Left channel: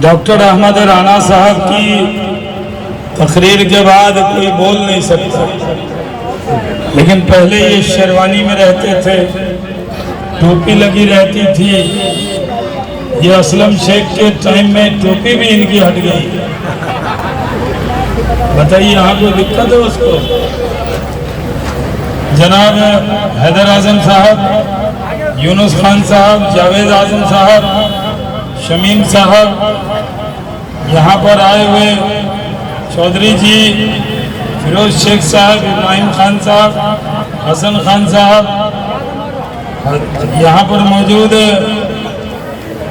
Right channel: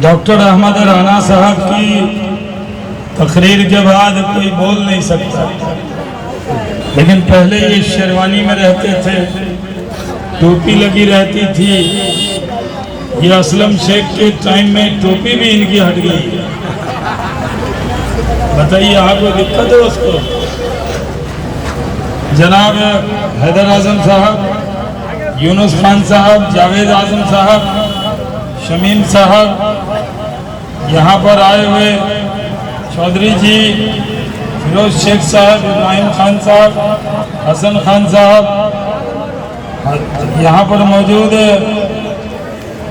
Doctor Ahmad Rana साहब की तकरीर के बाद कोई बोल नहीं सकता, लेकिन पहले ये शेरवानी में रहते थे, टोपी लगी रहती थी। ये असलम शेख के टाइम में टोपी भी इनकी हट गई। बताइए आपको दिक्कत है उसको? जनाब हैदर आजम साहब, यूनुस खान साहब, जावेद आजम साहब, शमीम साहब, यहाँ पर आए हुए चौधरी जी, फिरोज शेख साहब, इब्राहिम खान साहब, हसन खान साहब, यहाँ पर मौजूद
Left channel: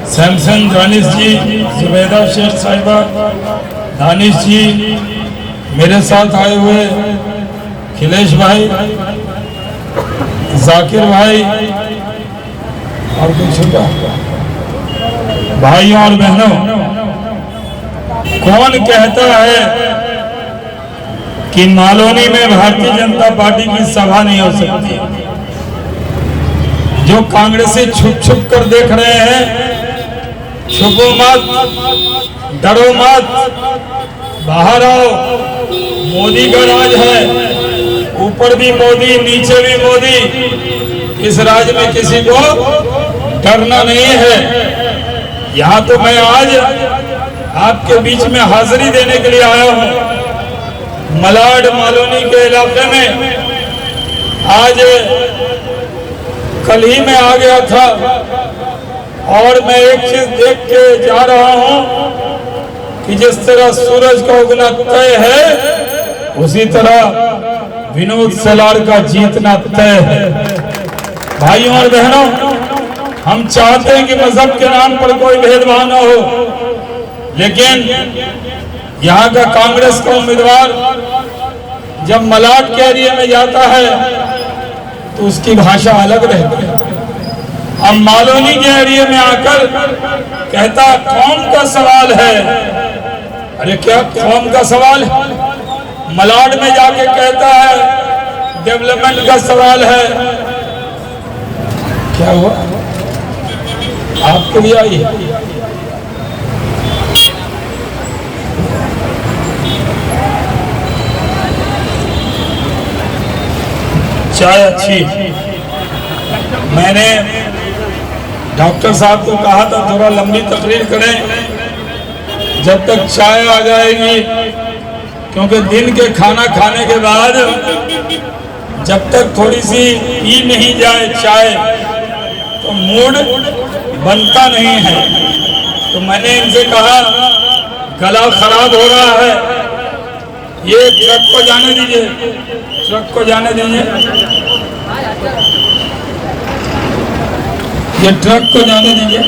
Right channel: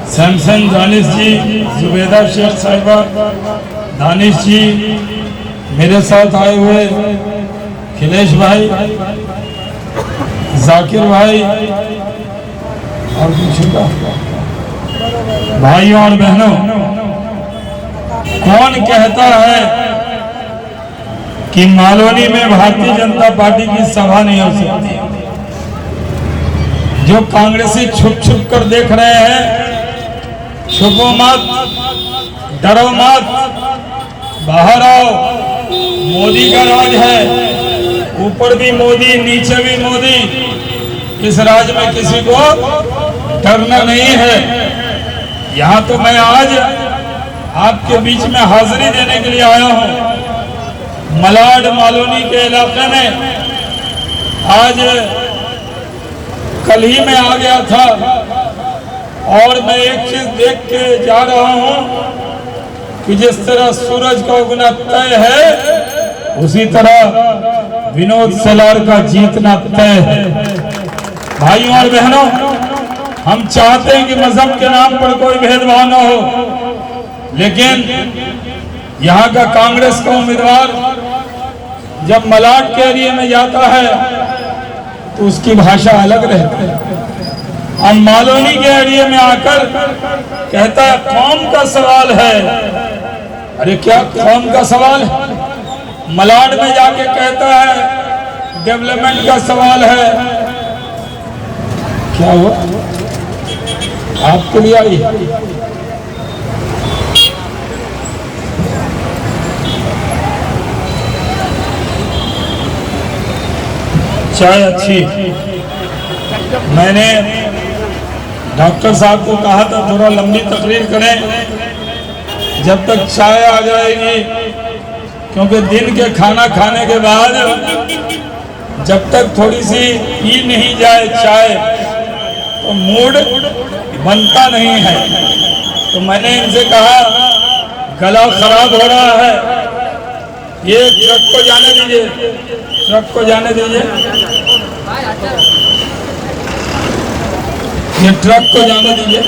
सैमसन दानिश जी, जुबैदा शेख साहिबा, दानिश जी, मेरे साथ आए हुए खिलेश भाई, जाकिर भाई और कुछ छोटा भाइयों और बहनों, कौन कहता है कि मालोनी में भारतीय जनता पार्टी की सभा नहीं हो सकती? जो कांग्रेसी छुप छुप कर देख रहे हैं, छुपो मत, डरो मत, बाहर आओ। मोदी का राज है, ऊपर भी मोदी, नीचे भी मोदी। इस राज में किसी को डरना नहीं है। यहाँ तो मैं आज आपके बीच में हाजिरी देने के लिए आया हूँ। मलाड मालोनी के इलाके में आज कल ही में आ गया था और मैं एक चीज देख के जा रहा हूँ कि जिस तरह सूरज का उगना तय है, उसी तरह विनोद सलार का जीतना तय है। भाइयों और बहनों, हम चाहते हैं कि मजहब के नाम पर कोई भेदभाव न हो, लेकिन यहाँ का कांग्रेस का उम्मीदवार जब मलाड के एरिया में जाता है तो उसकी भाषा अलग रहती है। हम मालोनी के एरिया में आकर कहता कौम का सवाल है। अरे क्या कौम का सवाल है? मलाड में जाके कहता है डेवलपमेंट का सवाल है। क्या हुआ? आपके लिए आई चाय अच्छी। मैंने डॉक्टर साहब को कहा था थोड़ा लंबी तकरीर करें जब तक चाय आ जाएगी, क्योंकि दिन के खाना खाने के बाद जब तक थोड़ी सी पी नहीं जाए चाय तो मूड बनता नहीं है। तो मैंने इनसे कहा गला खराब हो रहा है, ये ट्रक को जाने दीजिए, ट्रक को जाने दीजिए, ये ट्रक को जाने दीजिए।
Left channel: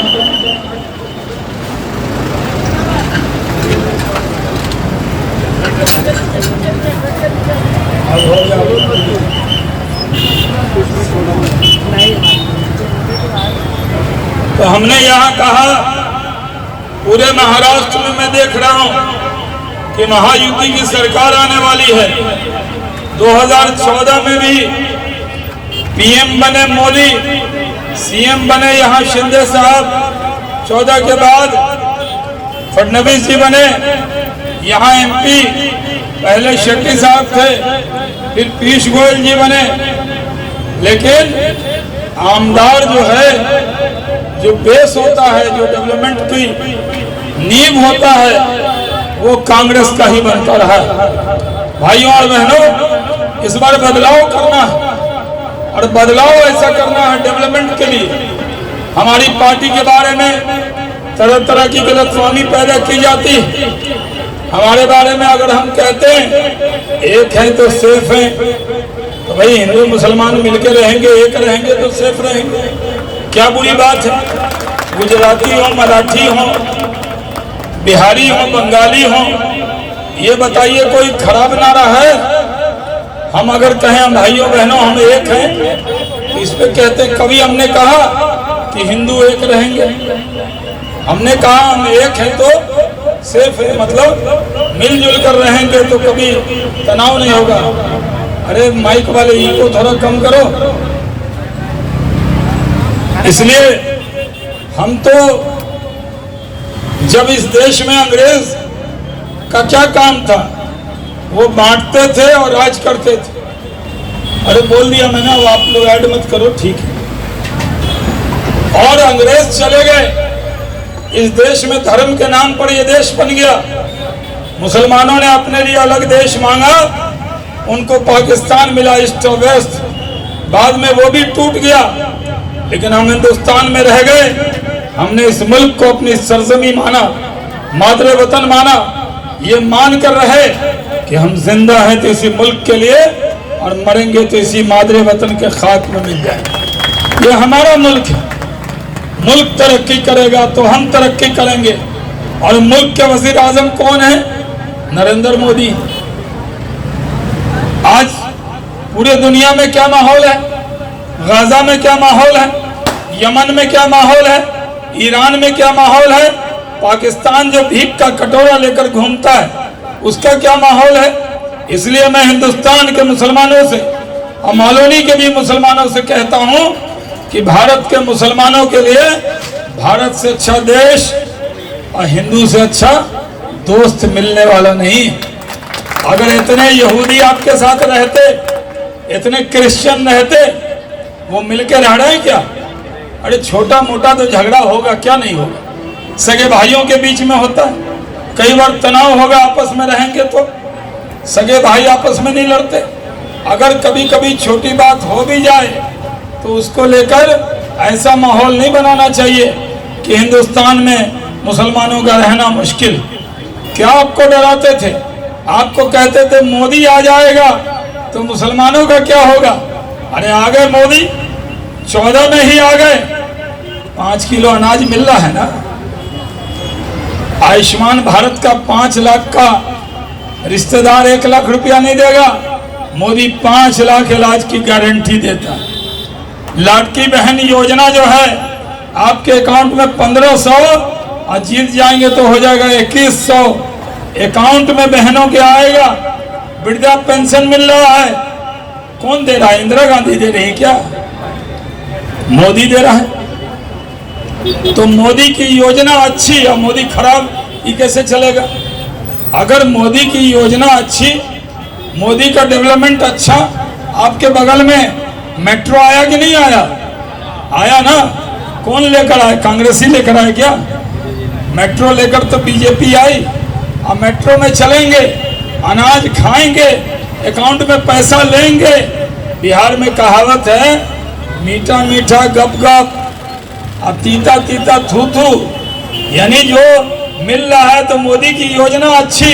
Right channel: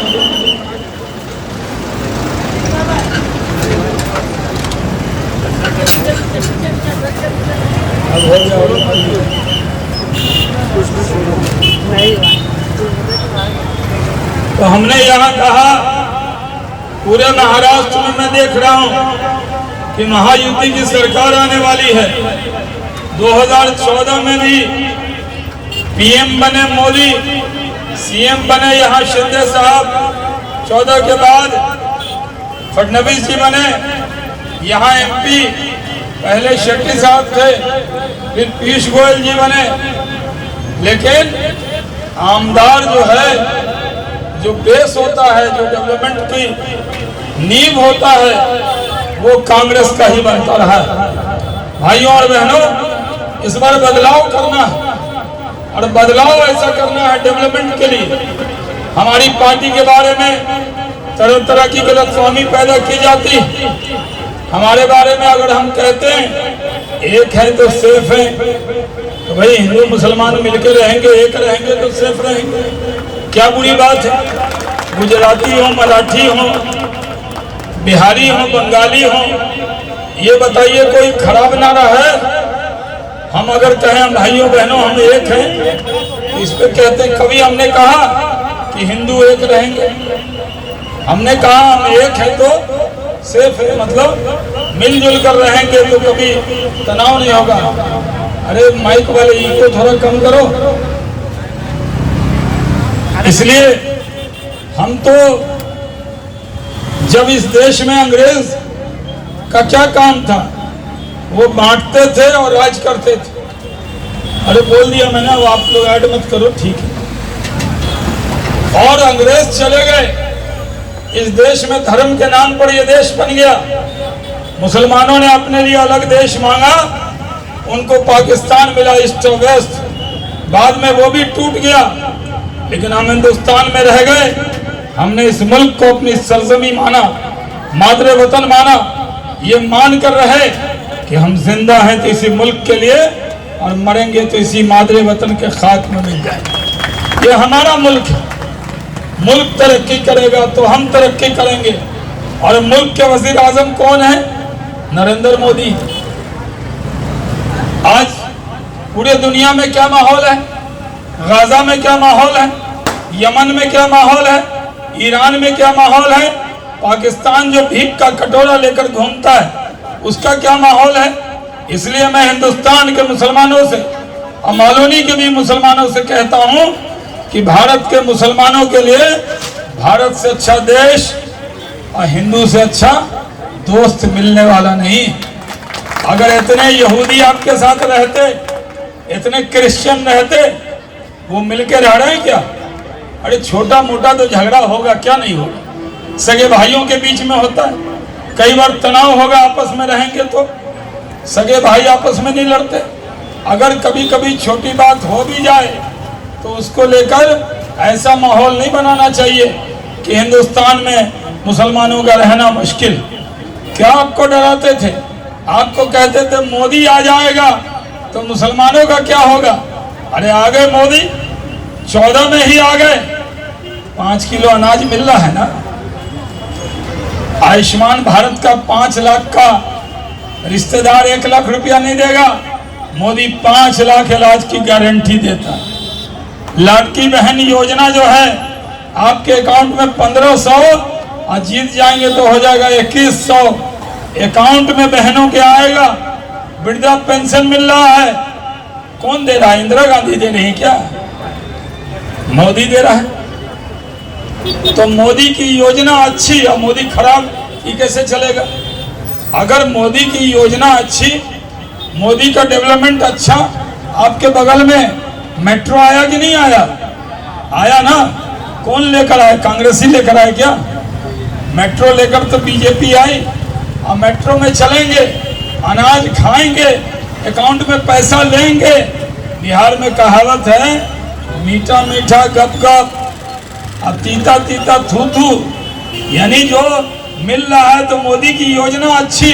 तो हमने यहाँ कहा पूरे महाराष्ट्र में मैं देख रहा हूँ कि महायुति की सरकार आने वाली है। 2014 में भी पीएम बने मोदी, सीएम बने यहाँ शिंदे साहब, 14 के बाद फडणवीस जी बने यहाँ एमपी, पहले शेट्टी साहब थे, फिर पीयूष गोयल जी बने। लेकिन आमदार जो है, जो बेस होता है, जो डेवलपमेंट की नींव होता है, वो कांग्रेस का ही बनता रहा। भाइयों और बहनों, इस बार बदलाव करना है और बदलाव ऐसा करना है डेवलपमेंट के लिए। हमारी पार्टी के बारे में तरह तरह की गलतफहमी पैदा की जाती है। हमारे बारे में अगर हम कहते हैं एक है तो सेफ है, तो भाई हिंदू मुसलमान मिलकर रहेंगे, एक रहेंगे तो सेफ रहेंगे, क्या बुरी बात है? गुजराती हो, मराठी हो, बिहारी हो, बंगाली हो, ये बताइए कोई खराब नारा है? हम अगर कहें भाइयों बहनों हम एक हैं, तो इस पर कहते हैं कभी हमने कहा कि हिंदू एक रहेंगे? हमने कहा हम एक है तो सिर्फ मतलब मिलजुल कर रहेंगे तो कभी तनाव नहीं होगा। अरे माइक वाले इनको थोड़ा कम करो। इसलिए हम तो जब इस देश में अंग्रेज का क्या काम था, वो बांटते थे और राज करते थे। अरे बोल दिया मैंने, अब आप लोग ऐड मत करो, ठीक है। और अंग्रेज चले गए, इस देश में धर्म के नाम पर यह देश बन गया। मुसलमानों ने अपने लिए अलग देश मांगा, उनको पाकिस्तान मिला, ईस्ट और वेस्ट। बाद में वो भी टूट गया, लेकिन हम हिंदुस्तान में रह गए। हमने इस मुल्क को अपनी सरजमी माना, मादरे वतन माना। ये मान कर रहे कि हम जिंदा हैं तो इसी मुल्क के लिए, और मरेंगे तो इसी मादरे वतन के खाक में मिल जाए। ये हमारा मुल्क है। मुल्क तरक्की करेगा तो हम तरक्की करेंगे। और मुल्क के वजीर आजम कौन है? नरेंद्र मोदी। आज पूरे दुनिया में क्या माहौल है? गाजा में क्या माहौल है? यमन में क्या माहौल है? ईरान में क्या माहौल है? पाकिस्तान जो भीख का कटोरा लेकर घूमता है, उसका क्या माहौल है? इसलिए मैं हिंदुस्तान के मुसलमानों से और मौलवी के भी मुसलमानों से कहता हूं कि भारत के मुसलमानों के लिए भारत से अच्छा देश और हिंदू से अच्छा दोस्त मिलने वाला नहीं। अगर इतने यहूदी आपके साथ रहते, इतने क्रिश्चियन रहते, वो मिलकर रह रहे हैं क्या? अरे छोटा मोटा तो झगड़ा होगा, क्या नहीं होगा। सगे भाइयों के बीच में होता है, कई बार तनाव होगा, आपस में रहेंगे तो सगे भाई आपस में नहीं लड़ते। अगर कभी कभी छोटी बात हो भी जाए तो उसको लेकर ऐसा माहौल नहीं बनाना चाहिए कि हिंदुस्तान में मुसलमानों का रहना मुश्किल। क्या आपको डराते थे? आपको कहते थे मोदी आ जाएगा तो मुसलमानों का क्या होगा? अरे आ गए मोदी, 14 में ही आ गए। 5 किलो अनाज मिल रहा है ना। आयुष्मान भारत का 5 लाख का रिश्तेदार 1 लाख रुपया नहीं देगा, मोदी 5 लाख इलाज की गारंटी देता है। लाडकी बहन योजना जो है, आपके अकाउंट में 1500 और जीत जाएंगे तो हो जाएगा 2100 अकाउंट में बहनों के आएगा। वृद्धा पेंशन मिल रहा है, कौन दे रहा है? इंदिरा गांधी दे रही है क्या? मोदी दे रहा है। तो मोदी की योजना अच्छी और मोदी खराब, ये कैसे चलेगा? अगर मोदी की योजना अच्छी, मोदी का डेवलपमेंट अच्छा, आपके बगल में मेट्रो आया कि नहीं आया? आया ना। कौन लेकर आया? कांग्रेसी लेकर आए क्या? मेट्रो लेकर तो बीजेपी आई। अब मेट्रो में चलेंगे, अनाज खाएंगे, अकाउंट में पैसा लेंगे। बिहार में कहावत है, मीठा मीठा गप गप और तीता तीता थू थू। यानी जो मिल रहा है तो मोदी की योजना अच्छी,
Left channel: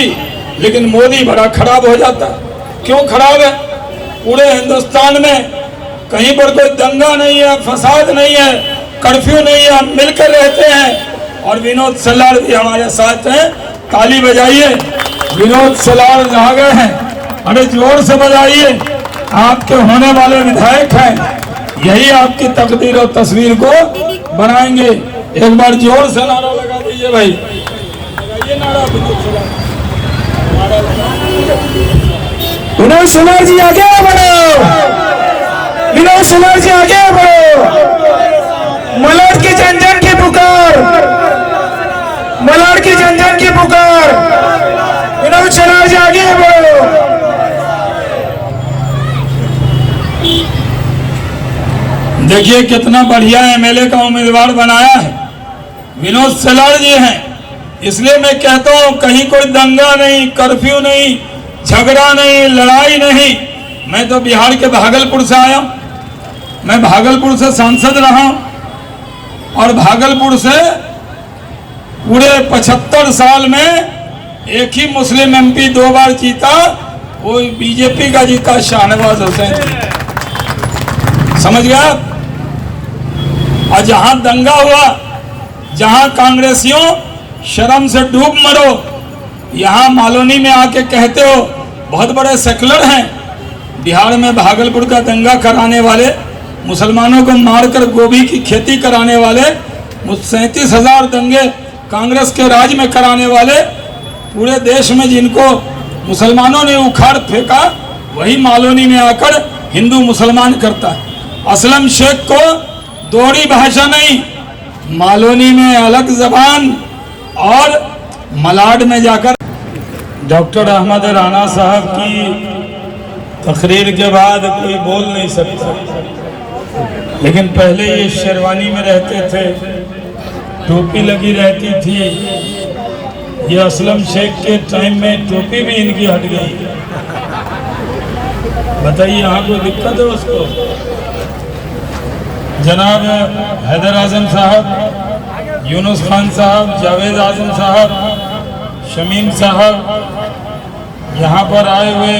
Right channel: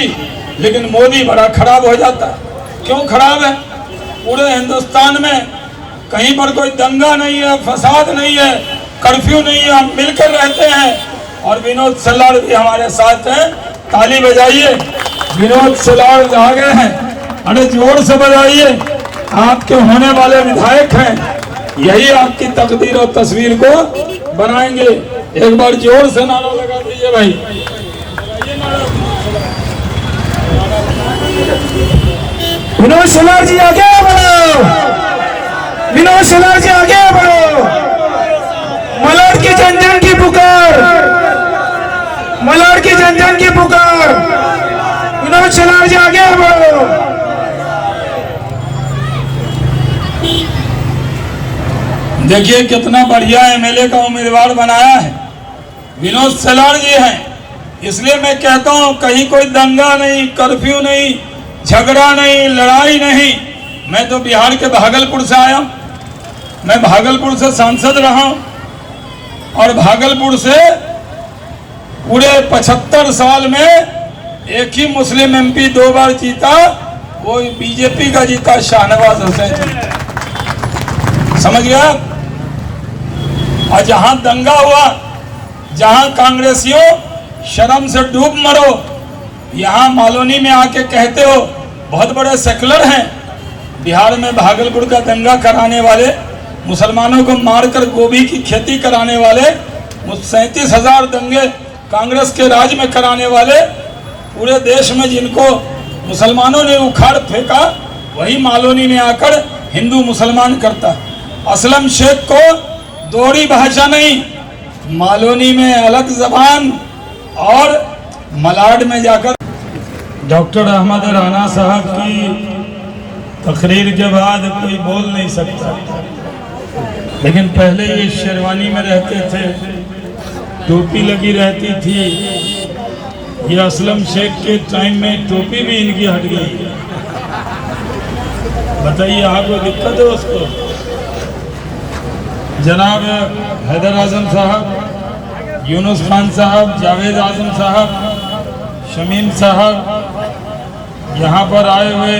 लेकिन मोदी बड़ा खराब हो जाता है। क्यों खराब है? पूरे हिंदुस्तान में कहीं पर कोई दंगा नहीं है, फसाद नहीं है, कर्फ्यू नहीं है, हम मिलकर रहते हैं। और विनोद सलार भी हमारे साथ हैं, ताली बजाइए। विनोद सलार आ गए हैं, अरे जोर से बजाइए। आपके होने वाले विधायक हैं, यही आपकी तकदीर और तस्वीर को बनाएंगे। एक बार जोर से नारा लगा दीजिए भाई, लगाइए नारा विनोद सलार जी आगे बढ़ो, विनोद सलार जी आगे बढ़ो। मलाड की जन जन की पुकार, मलाड की जन जन की पुकार। विनोद सलार जी आगे बढ़ो। देखिए कितना बढ़िया एमएलए का उम्मीदवार बनाया है, विनोद सलार जी हैं। इसलिए मैं कहता हूं कहीं कोई दंगा नहीं, कर्फ्यू नहीं, झगड़ा नहीं, लड़ाई नहीं। मैं तो बिहार के भागलपुर से आया हूं, मैं भागलपुर से सांसद रहा हूं और भागलपुर से पूरे 75 साल में एक ही मुस्लिम एमपी 2 बार जीता, वो बीजेपी का जीता, शाहनवाज हुसैन। समझ गया? और जहां दंगा हुआ, जहां कांग्रेसियों शर्म से डूब मरो, यहाँ मालोनी में आके कहते हो बहुत बड़े सेकुलर हैं। बिहार में भागलपुर का दंगा कराने वाले, मुसलमानों को मारकर गोभी की खेती कराने वाले, 37,000 दंगे कांग्रेस के राज में कराने वाले, पूरे देश में जिनको मुसलमानों ने उखाड़ फेंका, वही मालोनी में आकर हिंदू मुसलमान करता। असलम शेख को दोहरी भाषा नहीं, मालोनी में अलग जबान, और मलाड में जाकर डॉक्टर अहमद राना साहब की तकरीर के बाद कोई बोल नहीं सकता, लेकिन पहले ये शेरवानी में रहते थे, टोपी लगी रहती थी। ये असलम शेख के टाइम में टोपी भी इनकी हट गई। बताइए आपको दिक्कत है उसको? जनाब हैदर आजम साहब, यूनुस खान साहब, जावेद आजम साहब, शमीम साहब, यहाँ पर आए हुए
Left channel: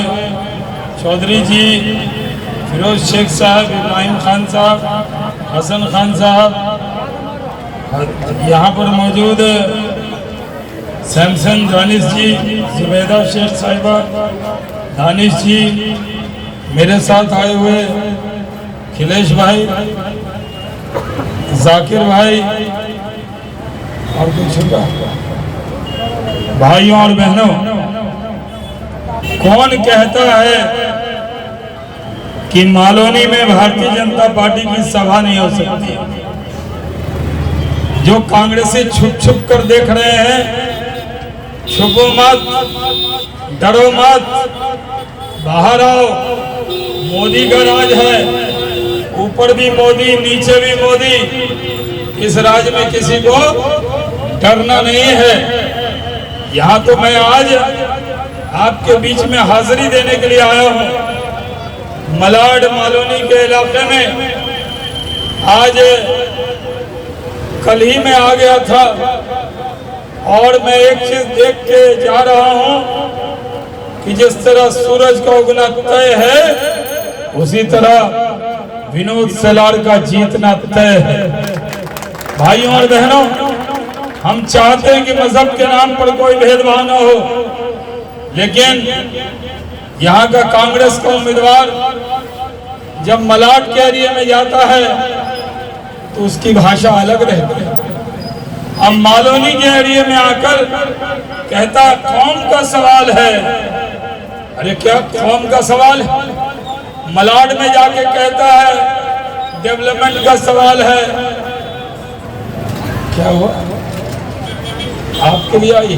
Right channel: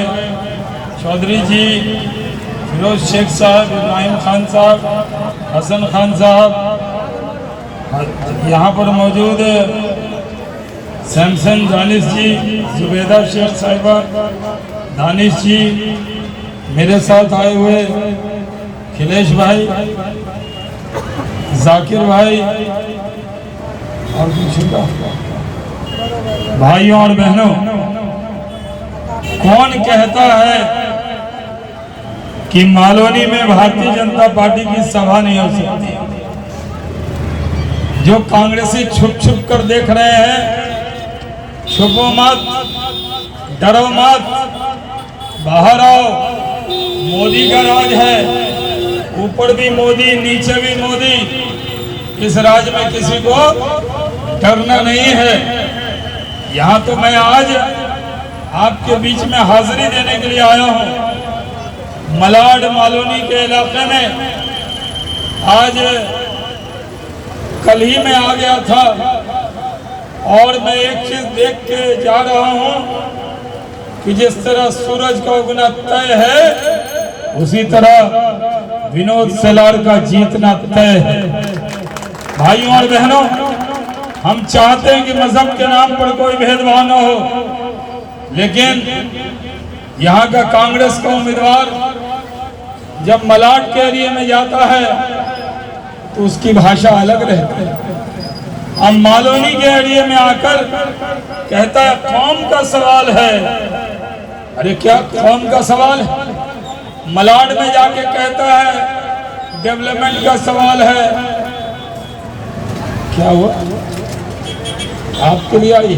चौधरी जी, फिरोज शेख साहब, इब्राहिम खान साहब, हसन खान साहब, यहाँ पर मौजूद सैमसन दानिश जी, जुबैदा शेख साहिबा, दानिश जी, मेरे साथ आए हुए खिलेश भाई, जाकिर भाई और कुछ होगा। भाइयों और बहनों, कौन कहता है कि मालोनी में भारतीय जनता पार्टी की सभा नहीं हो सकती? जो कांग्रेसी छुप छुप कर देख रहे हैं, छुपो मत, डरो मत, बाहर आओ। मोदी का राज है, ऊपर भी मोदी, नीचे भी मोदी। इस राज में किसी को डरना नहीं है। यहाँ तो मैं आज आपके बीच में हाजिरी देने के लिए आया हूँ। मलाड मालोनी के इलाके में आज कल ही में आ गया था और मैं एक चीज देख के जा रहा हूँ कि जिस तरह सूरज का उगना तय है, उसी तरह विनोद सेलार का जीतना तय है। भाइयों और बहनों, हम चाहते हैं कि मजहब के नाम पर कोई भेदभाव न हो, लेकिन यहाँ का कांग्रेस का उम्मीदवार जब मलाड के एरिया में जाता है तो उसकी भाषा अलग रहती है। हम मालोनी के एरिया में आकर कहता कौम का सवाल है। अरे क्या कौम का सवाल है? मलाड में जाके कहता है डेवलपमेंट का सवाल है। क्या हुआ? आपके लिए आई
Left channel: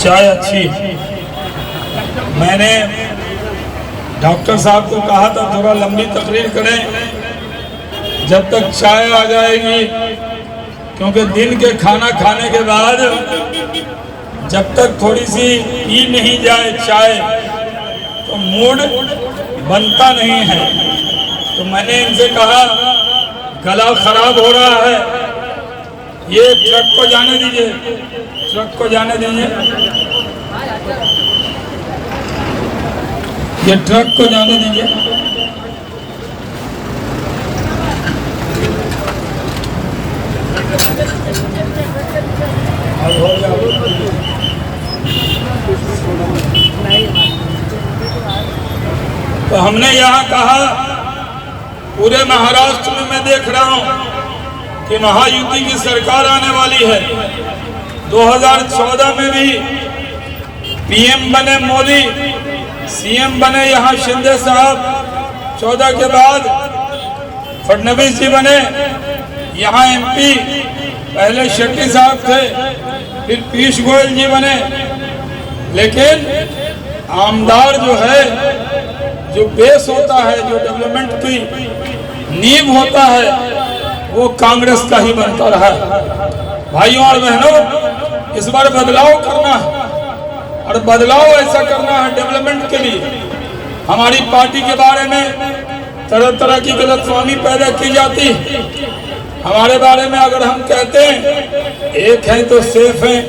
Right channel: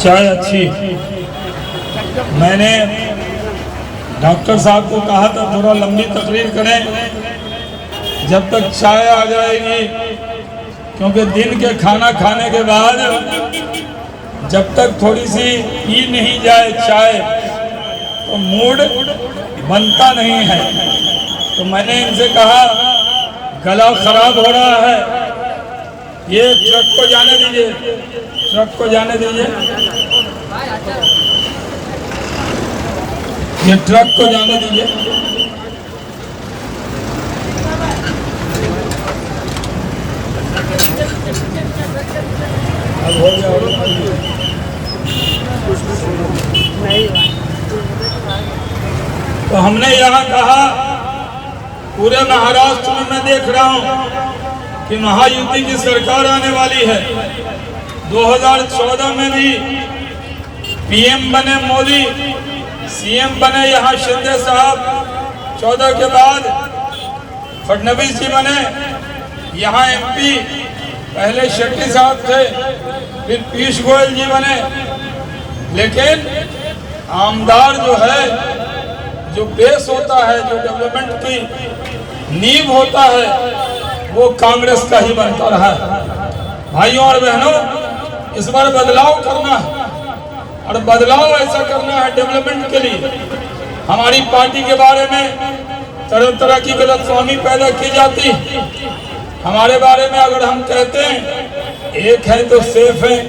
चाय अच्छी। मैंने डॉक्टर साहब को कहा था थोड़ा लंबी तकरीर करें जब तक चाय आ जाएगी, क्योंकि दिन के खाना खाने के बाद जब तक थोड़ी सी पी नहीं जाए चाय तो मूड बनता नहीं है। तो मैंने इनसे कहा गला खराब हो रहा है, ये ट्रक को जाने दीजिए, ट्रक को जाने दीजिए, ये ट्रक को जाने दीजिए। तो हमने यहाँ कहा पूरे महाराष्ट्र में मैं देख रहा हूँ कि महायुति की सरकार आने वाली है। 2014 में भी पीएम बने मोदी, सीएम बने यहाँ शिंदे साहब, 14 के बाद फडणवीस जी बने, यहाँ एमपी पहले शेट्टी साहब थे, फिर पीयूष गोयल जी बने। लेकिन आमदार जो है, जो बेस होता है, जो डेवलपमेंट की नींव होता है, वो कांग्रेस का ही बनता रहा। भाइयों और बहनों, इस बार बदलाव करना है और बदलाव ऐसा करना है डेवलपमेंट के लिए। हमारी पार्टी के बारे में तरह तरह की गलतफहमी पैदा की जाती है। हमारे बारे में अगर हम कहते हैं एक है तो सेफ है,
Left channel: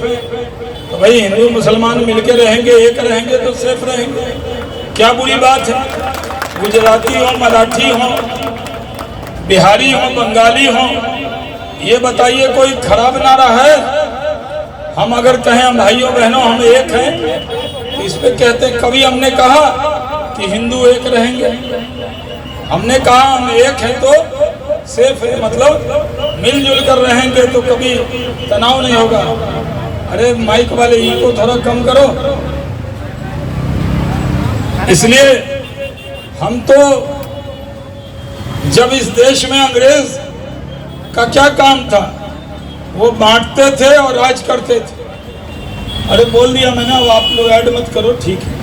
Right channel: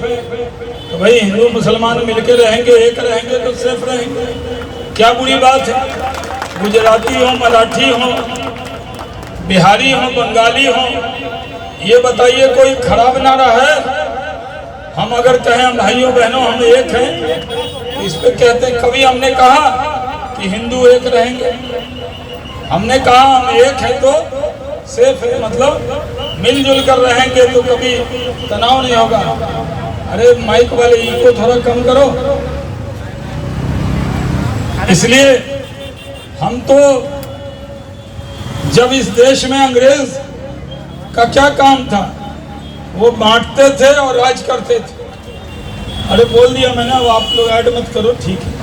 तो भाई हिंदू मुसलमान मिलकर रहेंगे, एक रहेंगे तो सेफ रहेंगे, क्या बुरी बात है? गुजराती हो, मराठी हो, बिहारी हो, बंगाली हो, ये बताइए कोई खराब नारा है? हम अगर कहें भाइयों बहनों हम एक हैं, तो इस पे कहते हैं कभी हमने कहा कि हिंदू एक रहेंगे? हमने कहा हम एक है तो सेफ है, मतलब मिलजुल कर रहेंगे तो कभी तनाव नहीं होगा। अरे माइक वाले इनको थोड़ा कम करो। इसलिए हम तो जब इस देश में अंग्रेज का क्या काम था, वो बांटते थे और राज करते थे। अरे बोल दिया मैंने, अब आप लोग ऐड मत करो, ठीक है।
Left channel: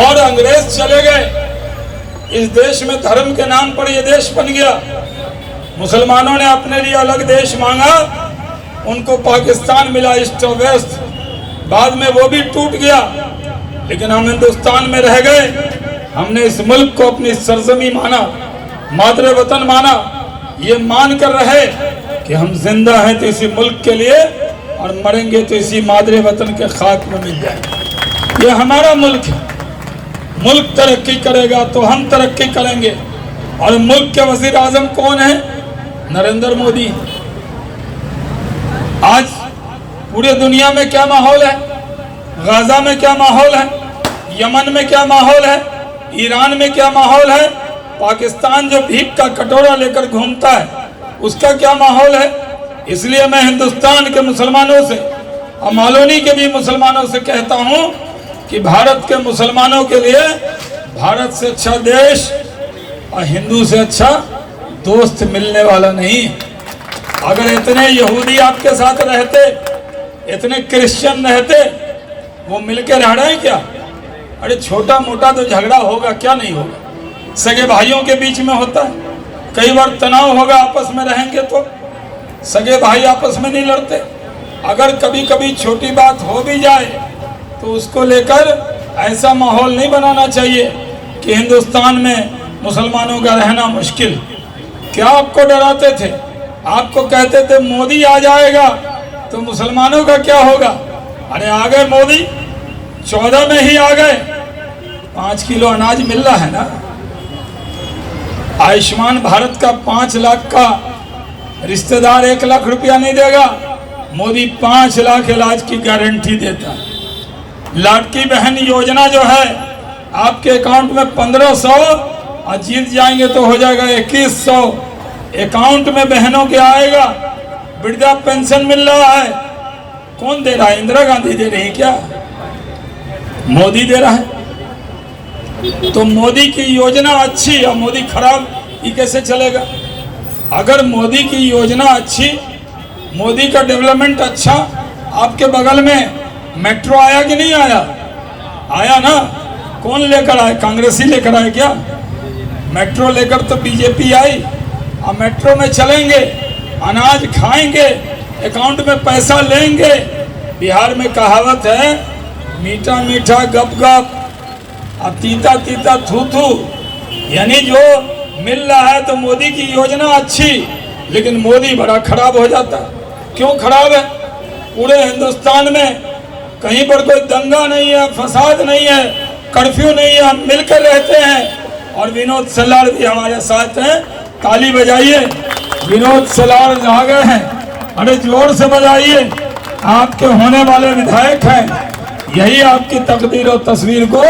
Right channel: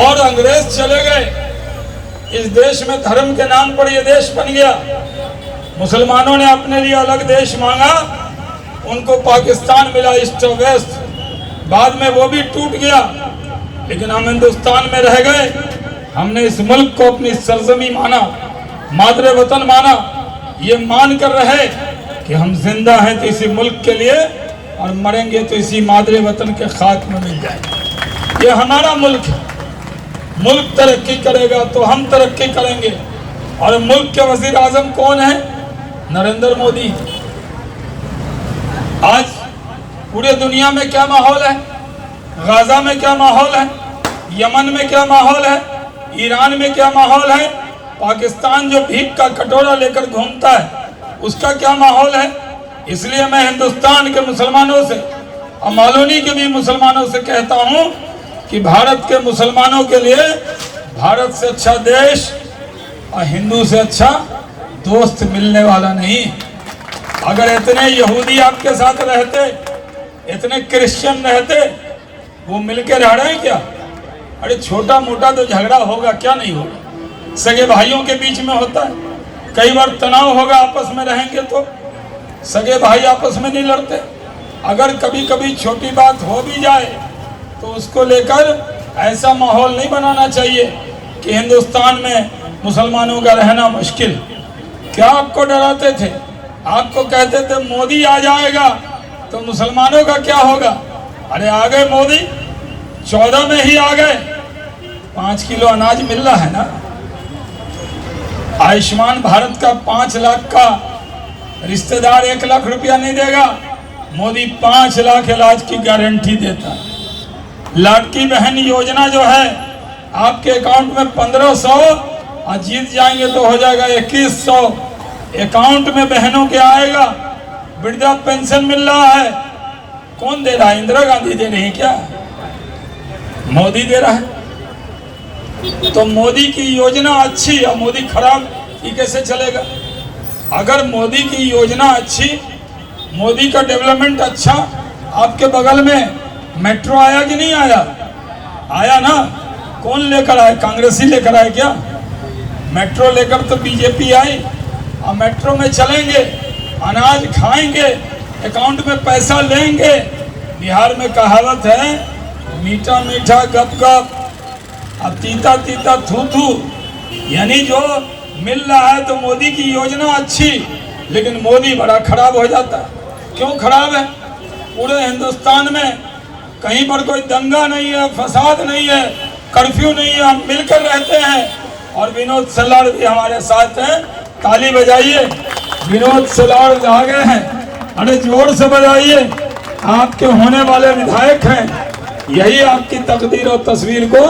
और अंग्रेज चले गए, इस देश में धर्म के नाम पर यह देश बन गया। मुसलमानों ने अपने लिए अलग देश मांगा, उनको पाकिस्तान मिला, ईस्ट और वेस्ट। बाद में वो भी टूट गया, लेकिन हम हिंदुस्तान में रह गए। हमने इस मुल्क को अपनी सरजमी माना, मादरे वतन माना। ये मान कर रहे कि हम जिंदा हैं तो इसी मुल्क के लिए, और मरेंगे तो इसी मादरे वतन के खाक में मिल जाएंगे। ये हमारा मुल्क है। मुल्क तरक्की करेगा तो हम तरक्की करेंगे। और मुल्क के वजीर आजम कौन है? नरेंद्र मोदी। आज पूरे दुनिया में क्या माहौल है? गाजा में क्या माहौल है? यमन में क्या माहौल है? ईरान में क्या माहौल है? पाकिस्तान जो भीख का कटोरा लेकर घूमता है, उसका क्या माहौल है? इसलिए मैं हिंदुस्तान के मुसलमानों से और मालोनी के भी मुसलमानों से कहता हूं कि भारत के मुसलमानों के लिए भारत से अच्छा देश और हिंदू से अच्छा दोस्त मिलने वाला नहीं। अगर इतने यहूदी आपके साथ रहते, इतने क्रिश्चियन रहते, वो मिलकर रह रहे हैं क्या? अरे छोटा मोटा तो झगड़ा होगा, क्या नहीं होगा? सगे भाइयों के बीच में होता है, कई बार तनाव होगा, आपस में रहेंगे तो सगे भाई आपस में नहीं लड़ते। अगर कभी कभी छोटी बात हो भी जाए तो उसको लेकर ऐसा माहौल नहीं बनाना चाहिए कि हिंदुस्तान में मुसलमानों का रहना मुश्किल। क्या आपको डराते थे? आपको कहते थे मोदी आ जाएगा तो मुसलमानों का क्या होगा? अरे आ गए मोदी, 14 में ही आ गए। 5 किलो अनाज मिल रहा है ना। आयुष्मान भारत का 5 लाख का रिश्तेदार 1 लाख रुपया नहीं देगा, मोदी 5 लाख इलाज की गारंटी देता है। लाडकी बहन योजना जो है, आपके अकाउंट में 1500 और जीत जाएंगे तो हो जाएगा 2100 अकाउंट में बहनों के आएगा। वृद्धा पेंशन मिल रहा है, कौन दे रहा है? इंदिरा गांधी दे रही है क्या? मोदी दे रहा है। तो मोदी की योजना अच्छी और मोदी खराब, ये कैसे चलेगा? अगर मोदी की योजना अच्छी, मोदी का डेवलपमेंट अच्छा, आपके बगल में मेट्रो आया कि नहीं आया? आया ना। कौन लेकर आया? कांग्रेसी लेकर आए क्या? मेट्रो लेकर तो बीजेपी आई। अब मेट्रो में चलेंगे, अनाज खाएंगे, अकाउंट में पैसा लेंगे। बिहार में कहावत है, मीठा मीठा गप गप और तीता तीता थू थू। यानी जो मिल रहा है तो मोदी की योजना अच्छी, लेकिन मोदी बड़ा खराब हो जाता है। क्यों खराब है? पूरे हिंदुस्तान में कहीं पर कोई दंगा नहीं है, फसाद नहीं है, कर्फ्यू नहीं है, हम मिलकर रहते हैं। और विनोद सलार भी हमारे साथ हैं। ताली बजाइए, विनोद सलार आ गए हैं। अरे जोर से बजाइए, आपके होने वाले विधायक हैं। यही आपकी तकदीर और तस्वीर को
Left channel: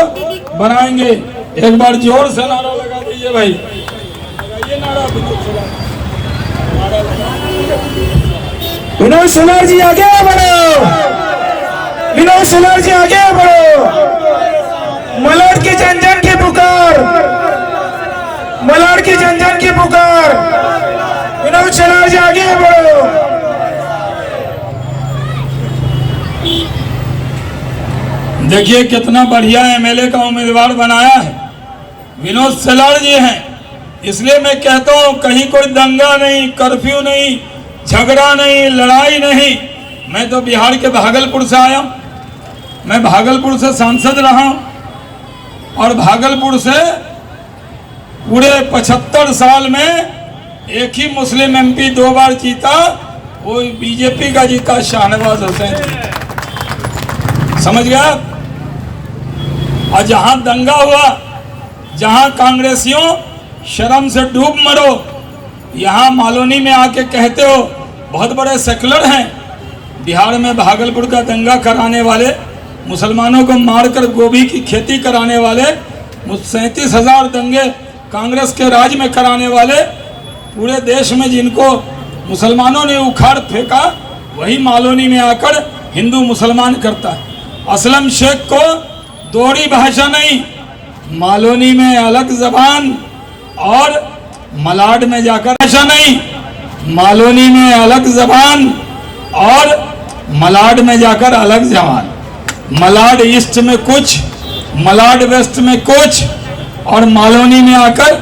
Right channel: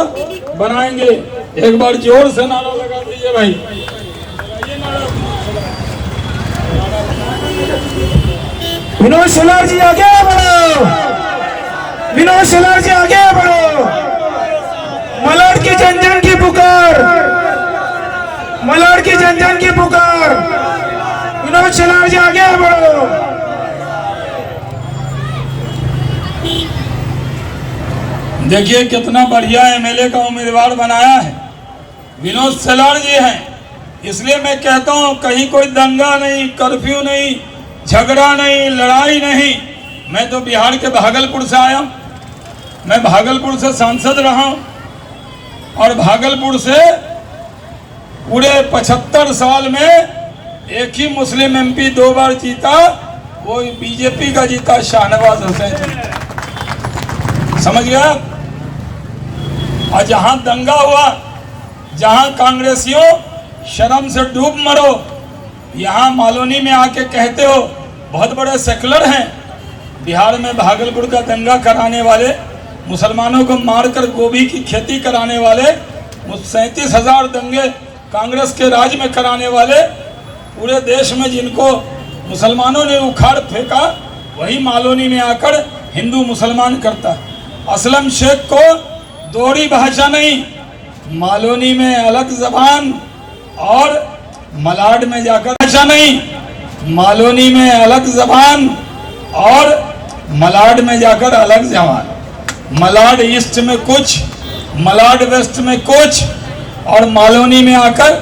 बनाएंगे। एक बार जोर से नारा लगा दीजिए भाई, लगाइए नारा विनोद सलार। विनोद सलार जी आगे बढ़ो, विनोद सलार जी आगे बढ़ो। मलाड की जन जन की पुकार, मलाड की जन जन की पुकार। विनोद सलार जी आगे बढ़ो। देखिए कितना बढ़िया एमएलए का उम्मीदवार बनाया है, विनोद सलार जी हैं। इसलिए मैं कहता हूं, कहीं कोई दंगा नहीं, कर्फ्यू नहीं, झगड़ा नहीं, लड़ाई नहीं। मैं तो बिहार के भागलपुर से आया हूं। मैं भागलपुर से सांसद रहा हूं और भागलपुर से पूरे 75 साल में एक ही मुस्लिम एमपी 2 बार जीता, वो बीजेपी का जीता, शाहनवाज हुसैन। समझ गया? और जहां दंगा हुआ, जहां कांग्रेसियों शर्म से डूब मरो, यहाँ मालोनी में आके कहते हो बहुत बड़े सेकुलर हैं। बिहार में भागलपुर का दंगा कराने वाले, मुसलमानों को मारकर गोभी की खेती कराने वाले, 37,000 दंगे कांग्रेस के राज में कराने वाले, पूरे देश में जिनको मुसलमानों ने उखाड़ फेंका, वही मालोनी में आकर हिंदू मुसलमान करता है। असलम शेख को दोहरी भाषा नहीं, मालोनी में अलग जबान और मलाड में जाकर ऐसा नहीं, मालोनी में अलग जबान और मलाड में जाकर अलग जबान। मलाड ईस्ट में कुछ, मलाड वेस्ट में कुछ और मालोनी में आकर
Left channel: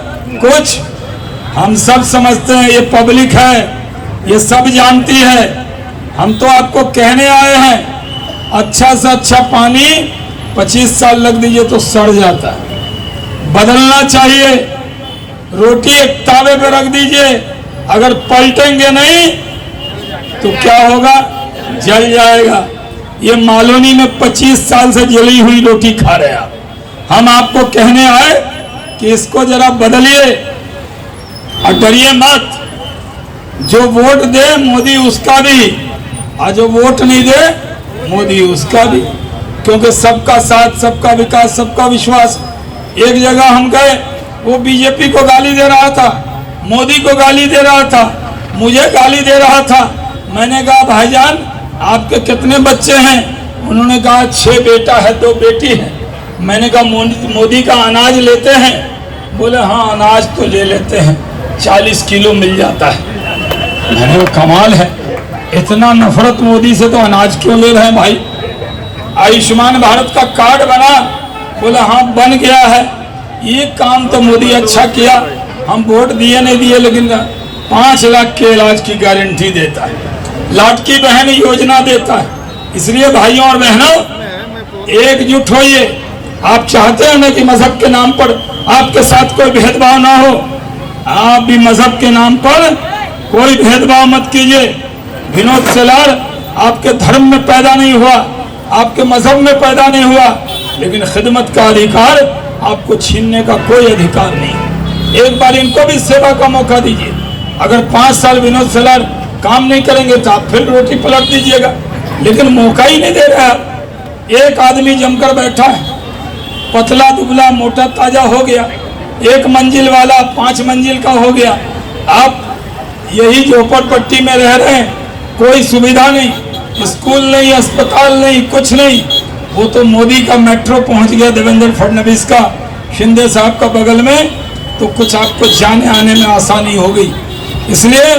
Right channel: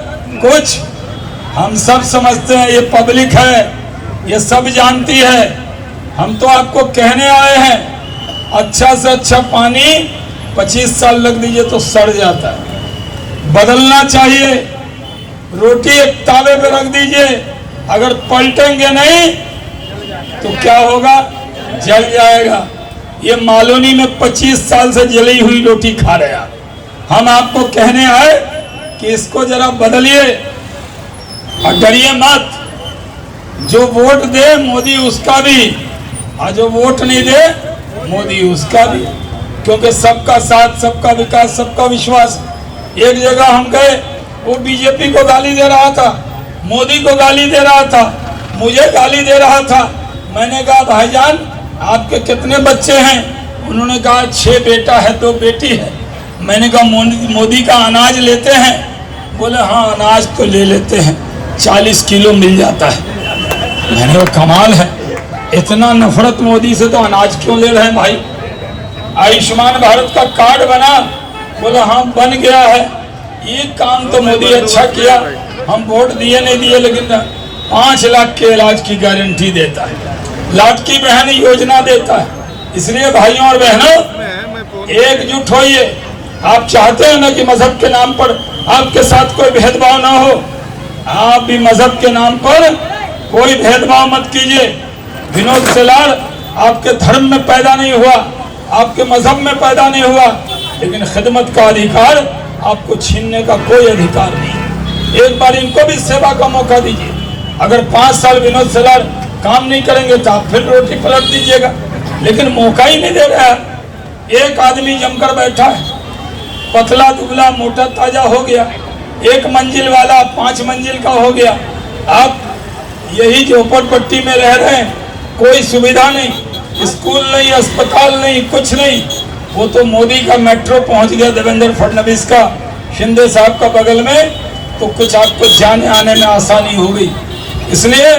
कुछ। हम सब समझते हैं, ये पब्लिक है, ये सब जानती है। हम तो आपको कहने आए हैं, अच्छा से अच्छा पानी 25 साल लग दीजिए तो सड़ जाता है, बदलना चाहिए। रोटी एक तावे पे रख दीजिए, अगर पलटेंगे नहीं तो क्या होगा, जल जाएगा। ये मालोनी में 25 साल से जली हुई रोटी खा रहे हैं। हम आपको कहने आए कि इसको जरा बदलिए और डरिए मत। जो वोट दे मोदी उसका भी, और जो वोट नहीं दे मोदी उसका भी, क्योंकि सबका साथ, सबका विकास, सबका विश्वास। एक जगह हम गए, वो बीजेपी को गाली दे रहा था, मोदी को गाली दे रहा था, मुझे गाली दे रहा था। मैंने कहा भाईजान आपके कितने बच्चे हैं? उन्होंने कहा 6 बेटा है 2 बेटी है। मैंने कहा मोदी का अनाज लेते हैं? बोले हाँ अनाज तो ले लेते हैं, 40 किलो मिल जाता है। मैंने वो कमाल है, इतना नफरत मोदी से तो अनाज क्यों ले रहे हैं भाई? आयुष्मान भारत का कार्ड बना? बोले हाँ बन गया है। ये काम तो मोदी अच्छा किया, हम वोट दिए नहीं दिए लेकिन 5 लाख के इलाज की गारंटी देता है, लाडकी बहन योजना देता है। इसलिए भाइयों और बहनों एकजुट होइए। आप चाहते हैं ना कि मजहब के नाम पर आपके साथ कोई भेदभाव ना हो, आप भी मजहब के नाम पर कोई भेदभाव मत कीजिए। विनोद सेलार आपके धर्म में पैदा नहीं हुआ, आपके मजहब में पैदा नहीं हुआ, लेकिन खिदमत का अधिकार आपको छीनने का कोई अधिकार नहीं। एक बार इनको भी सेवा का मौका दीजिए। अगर 5 साल विनोद सेलार काम नहीं करेंगे तो आप फिर रोटी पलट दीजिएगा, लेकिन मौका ही नहीं दे रहा है। एक आदमी जमकर बैठा है, पतला दुबला मोटा ताजा हो गया, 1 मंजिल वाला 5 मंजिल का हो गया। आप यही झोपड़पट्टी में रह रहे हैं, कोई सुविधा नहीं, स्कूल नहीं, अस्पताल नहीं, कुछ नहीं। वो तो मोदी का मेट्रो पहुंच गया, देवेंद्र फडणवीस का, शिंदे साहब का बगल में, तो कुछ आपको जाने आने में आसानी हो गई। इसलिए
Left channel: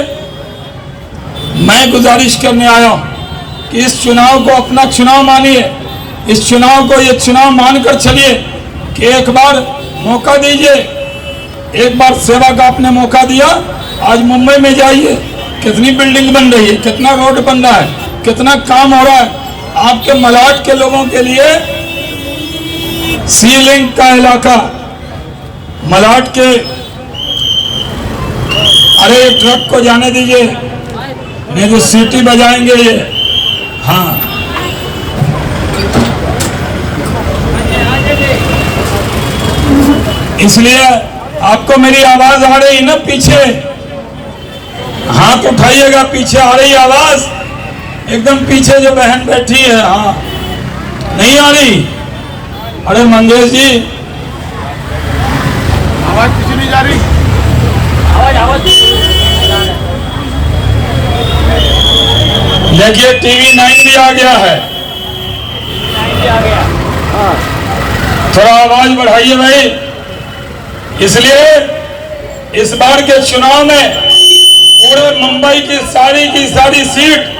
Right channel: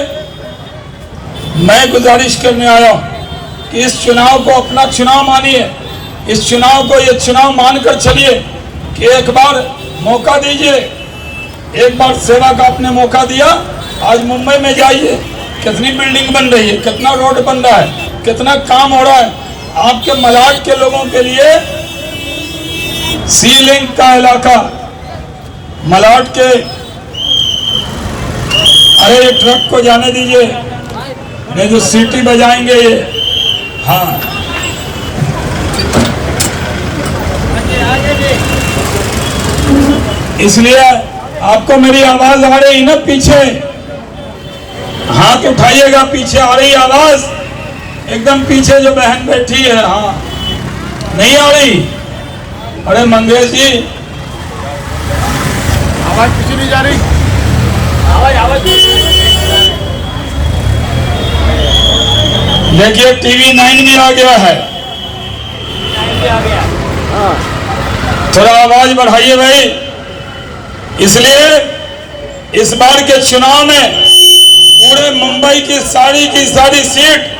मैं गुजारिश करने आया हूं कि इस चुनाव को अपना चुनाव मानिए, इस चुनाव को ये चुनाव मानकर चलिए कि एक बार मौका दीजिए, एक बार सेवा का आपने मौका दिया। आज मुंबई में जाइए, कितनी बिल्डिंग बन रही है, कितना रोड बन रहा है, कितना काम हो रहा है। आपके मलाड के लोगों के लिए सी लिंक का इलाका, मलाड के, अरे ट्रक को जाने दीजिए, नहीं तो सीटी बजाएंगे ये। हाँ इसलिए आपको मेरी आवाज आ रही ना पीछे, हाथ उठाइएगा, पीछे आ रही आवाज, एकदम पीछे जो बहन बैठी है। हाँ नहीं आ रही? अरे मंगेश जी आवाज पीछे नहीं जा रही, आवाज देखिए टीवी 9 भी आ गया है, हाँ थोड़ा आवाज बढ़ाइए भाई। इसलिए इस बार के चुनाव में पूरे मुंबई की सारी सीट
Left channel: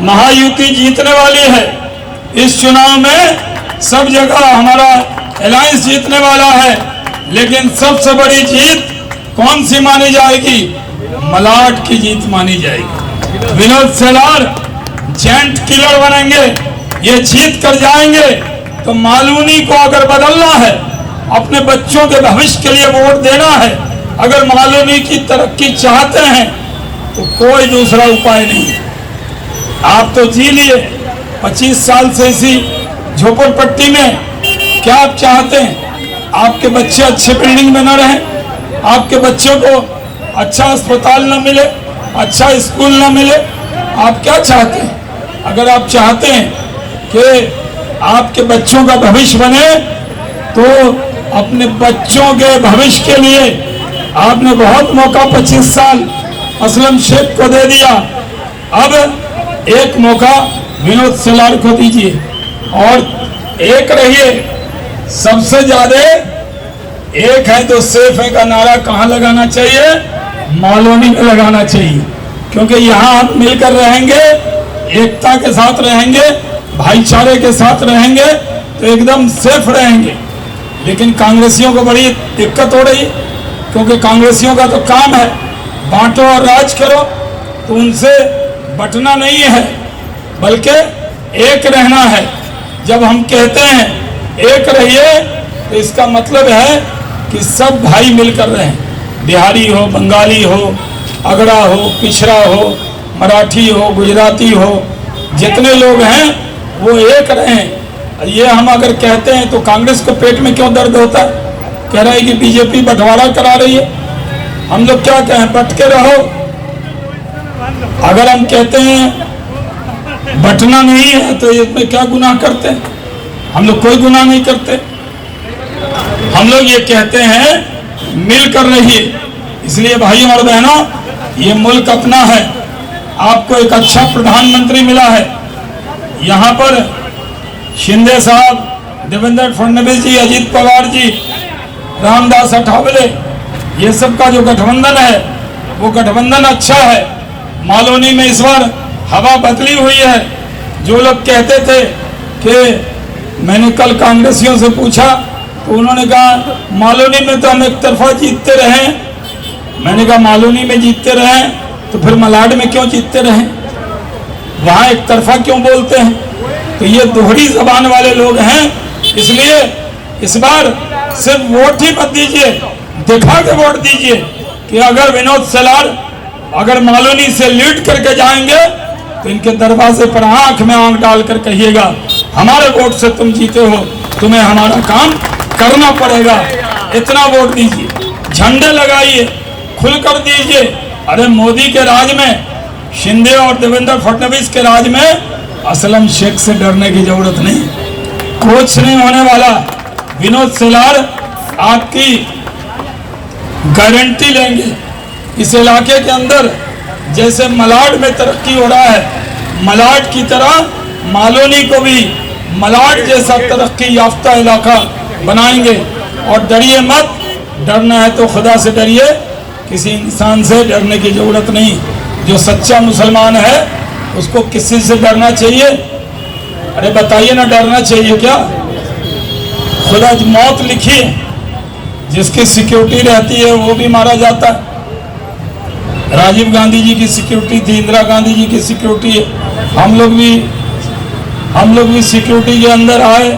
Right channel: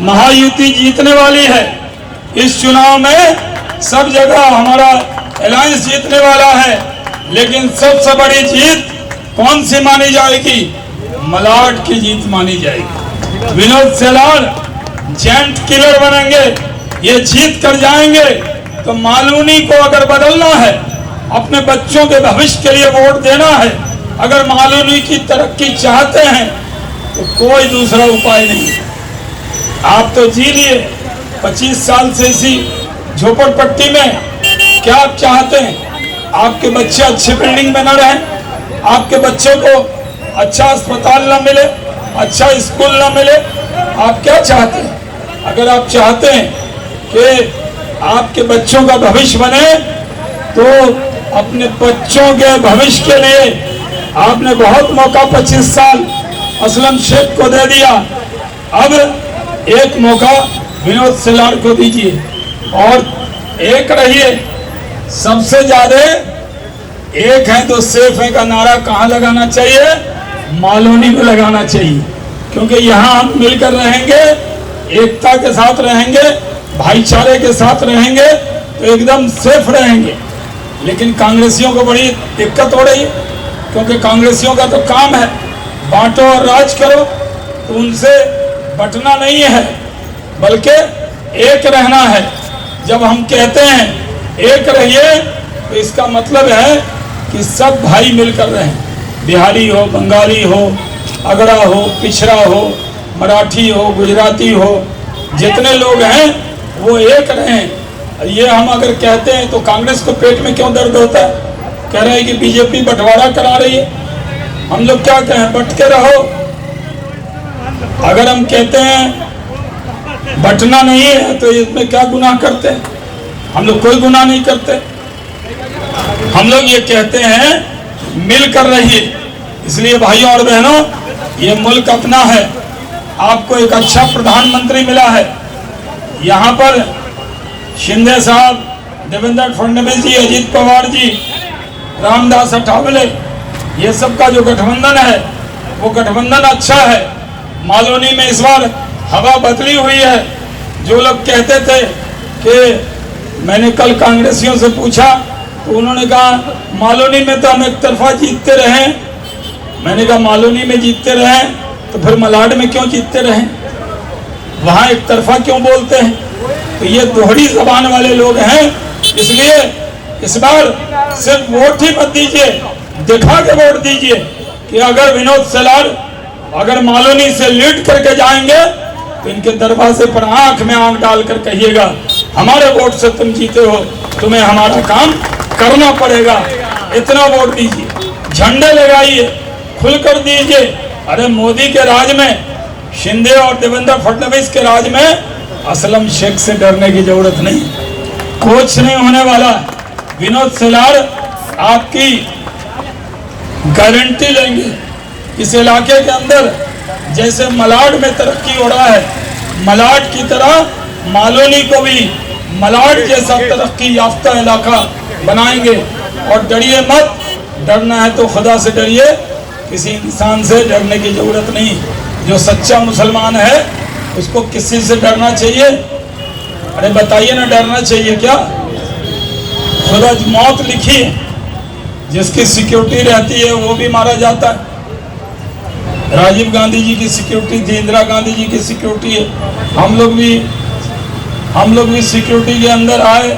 महायुति जीतने वाली है। इस चुनाव में सब जगह हमारा अलायंस जीतने वाला है, लेकिन सबसे बड़ी जीत कौन सी मानी जाएगी? मलाड की जीत मानी जाएगी। विनोद सेलार जेंट किलर बनेंगे, ये जीत कर जाएंगे। तो मालूनी को अगर बदलना है, अपने बच्चों के भविष्य के लिए वोट देना है, अगर मालूनी की तरक्की चाहते हैं तो कोई दूसरा उपाय नहीं। आप तो जी लिए 25 साल से इसी झोपड़पट्टी में, क्या आप चाहते हैं आपके बच्चे अच्छी बिल्डिंग में न रहें, आपके बच्चों को अच्छा अस्पताल न मिले, अच्छा स्कूल न मिले? आप क्या चाहते हैं? अगर आप चाहते हैं कि आपके बच्चों का भविष्य बने, तो अपने बच्चों के भविष्य के लिए आपने बहुत मौका 25 साल असलम शेख को दे दिया, अब एक मौका विनोद सेलार को दीजिए और एक रहिए। सबसे ज्यादा एक है तो सेफ है का नारा कहाँ लगाना चाहिए? मालोनी में लगाना चाहिए, क्योंकि यहाँ हम मिलकर रहेंगे, एकता के साथ रहेंगे, भाईचारे के साथ रहेंगे तो एकदम सेफ रहेंगे। लेकिन कांग्रेसियों को बड़ी दिक्कत हो रही है, क्योंकि कांग्रेसियों का तो काम है बांटो और राज करो, तो उनसे बंटना नहीं है बल्कि एक रहना है। जब हम कहते हैं एक रहिए तो इसका मतलब है कि सब भाई मिलकर रहें, बिहारी हो, बंगाली हो, अगड़ा हो, पिछड़ा हो, मराठी हो, गुजराती हो, जितने लोग हैं वो एक रहें। ये हम अगर कहते हैं तो कांग्रेस के पेट में क्यों दर्द होता है? कह रहा है कि बीजेपी बंटवारा करा रही है। हम लोग क्या कहें? बंट के रहो। अगर हम कहते हैं बंटना नहीं है तो इसमें क्या गुनाह करते हैं? हम लोग कोई गुनाह नहीं करते। हम लोग ये कहते हैं मिलकर रहिए। इसलिए भाइयों और बहनों, ये मुल्क अपना है। आपको एक अच्छा प्रधानमंत्री मिला है। यहाँ पर शिंदे साहब, देवेंद्र फडणवीस जी, अजीत पवार जी, रामदास अठावले, ये सब का जो गठबंधन है वो गठबंधन अच्छा है। मालोनी में इस बार हवा बदली हुई है। जो लोग कहते थे कि मैंने कल कांग्रेसियों से पूछा तो उन्होंने कहा मालोनी में तो हम एक तरफा जीतते रहे। मैंने कहा मालोनी में जीतते रहे तो फिर मलाड में क्यों जीतते रहे? वहां एक तरफा क्यों बोलते हैं? तो ये दोहरी जबान वाले लोग हैं। इसलिए इस बार सिर्फ वोट ही मत दीजिए, दिखा के वोट दीजिए कि अगर विनोद सेलार अगर मालोनी से लीड करके जाएंगे तो इनके दरवाजे पर आंख में आंख डालकर कहिएगा हमारे वोट से तुम जीते हो, तुम्हें हमारा काम करना पड़ेगा। इतना वोट दीजिए, झंडे लगाइए, खुलकर दीजिए। अरे मोदी के राज में, शिंदे और देवेंद्र फडणवीस के राज में असलम शेख से डरने की जरूरत नहीं, कुछ नहीं होने वाला। विनोद सेलार आपकी गारंटी लेंगे। इस इलाके के अंदर जैसे मलाड में तरक्की हो रहा है, मलाड की तरह मालोनी को भी मलाड जैसा तरक्की याफ्ता इलाका बनाएंगे। और डरिए मत, डरना है तो खुदा से डरिए, किसी इंसान से डरने की जरूरत नहीं। जो सच्चा मुसलमान है उसको किसी से डरना चाहिए? अरे बताइए ना, डरना चाहिए क्या? खुदा मौत लिखी, जिसकी सिक्योरिटी रहती है वो भी मारा जाता है। राजीव गांधी जी की सिक्योरिटी थी, इंदिरा गांधी जी की सिक्योरिटी है। हम लोग भी सिक्योरिटी के अंदर आए।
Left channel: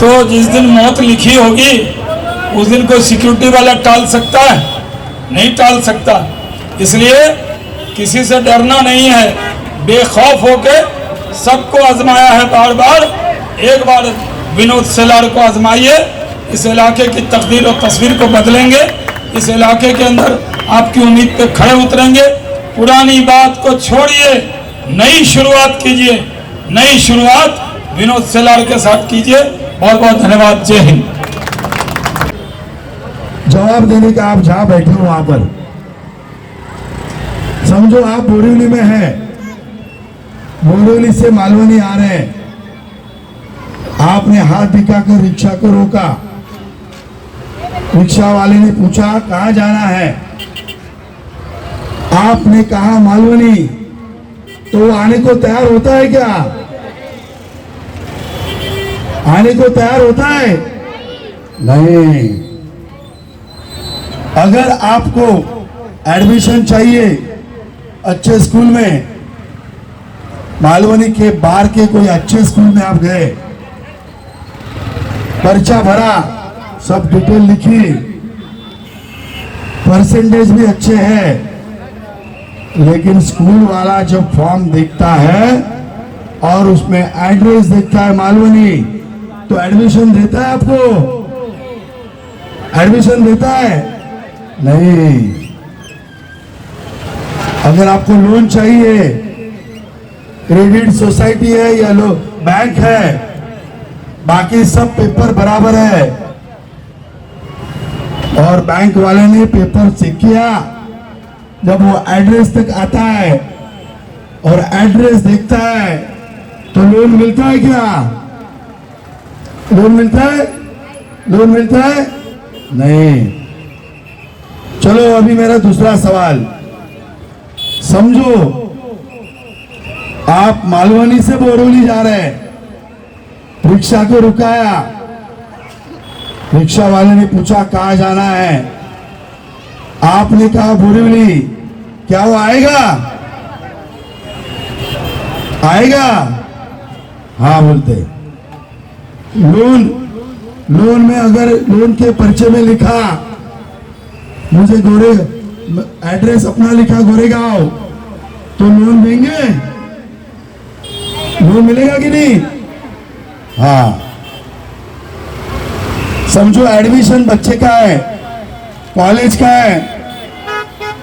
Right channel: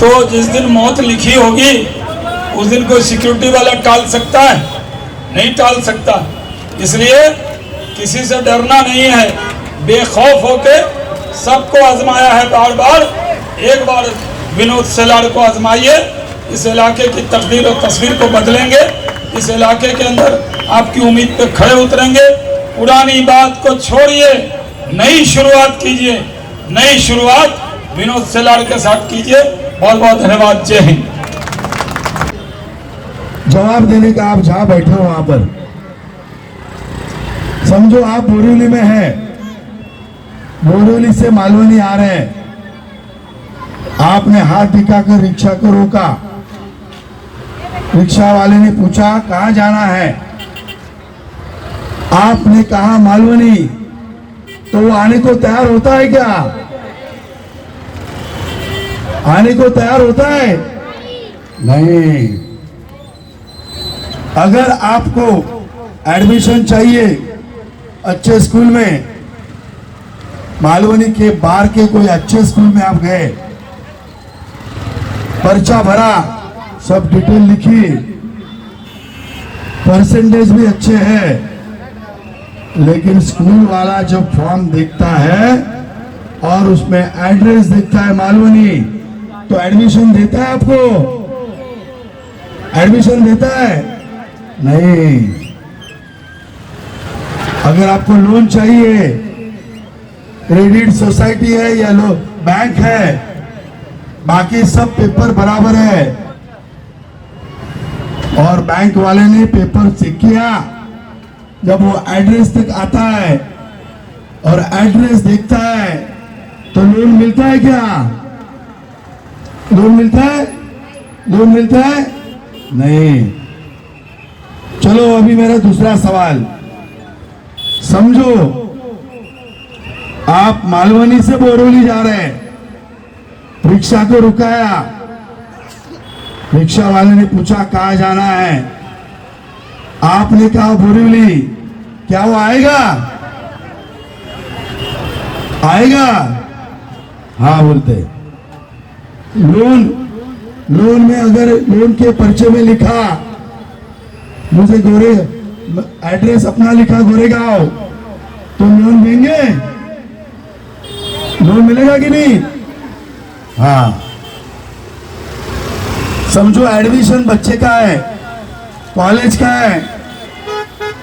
तो जिस दिन मौत लिखी होगी उस दिन कोई सिक्योरिटी वाला टाल सकता है? नहीं टाल सकता। इसलिए किसी से डरना नहीं है, बेखौफ होके सबको आजमाया है बार बार। एक बार विनोद सेलार को आजमाइए, इस इलाके की तकदीर और तस्वीर को बदलेंगे। इस इलाके के अंदर आपकी उम्मीद पे खड़े उतरेंगे। पुरानी बात को छोड़िए, नई शुरुआत कीजिए। नई शुरुआत विनोद सेलार के साथ कीजिए। बहुत बहुत धन्यवाद। जय हिंद। जवाब देने का आप जहां बैठे हो वहां पर समझो आप बोरीवली में हैं, बोरीवली से मालवनी आ रहे हैं। आपने हाथ दिखाकर रिक्शा को रोका। रिक्शा वाले ने पूछा कहां जाना है? आपने कहा मालवनी। तो वो आने को तैयार होता है क्या? आने को तैयार होता है? नहीं। अगर आपको एडमिशन चाहिए अच्छे स्कूल में, मालवनी के बाहर के कोई अच्छे स्कूल में आप गए, पर्चा भरा, सब डिटेल लिखी, परसेंटेज भी अच्छे हैं, लेकिन स्कूल वाला जब फॉर्म देखता है और उसमें एड्रेस देखता है मालवनी, तो एडमिशन देता है आपको? एडमिशन देता है? नहीं। अगर आपको लोन चाहिए, क्रेडिट सोसाइटी है या बैंक है, बाकी सब पेपर बराबर है, और बैंक वाले ने पेपर चेक किया, जब वो एड्रेस तक आता है और एड्रेस देखता है तो लोन मिलता है क्या? लोन मिलता है? लोन मिलता है? नहीं। चलो अभी मेरा दूसरा सवाल समझो। आप मालवनी से बोरीवली जा रहे हैं, रिक्शा को रुकाया, रिक्शा वाले ने पूछा कहाँ जाना है, आपने कहा बोरीवली, क्या वो आएगा? आएगा? हाँ बोलते। लोन में अगर लोन के पर्चे में लिखा मुझे गोरे एड्रेस अपना लिखा गोरेगांव, तो लोन देंगे? लोन मिलेगा कि नहीं? हाँ। समझो एडमिशन बच्चे का है, कॉलेज का है,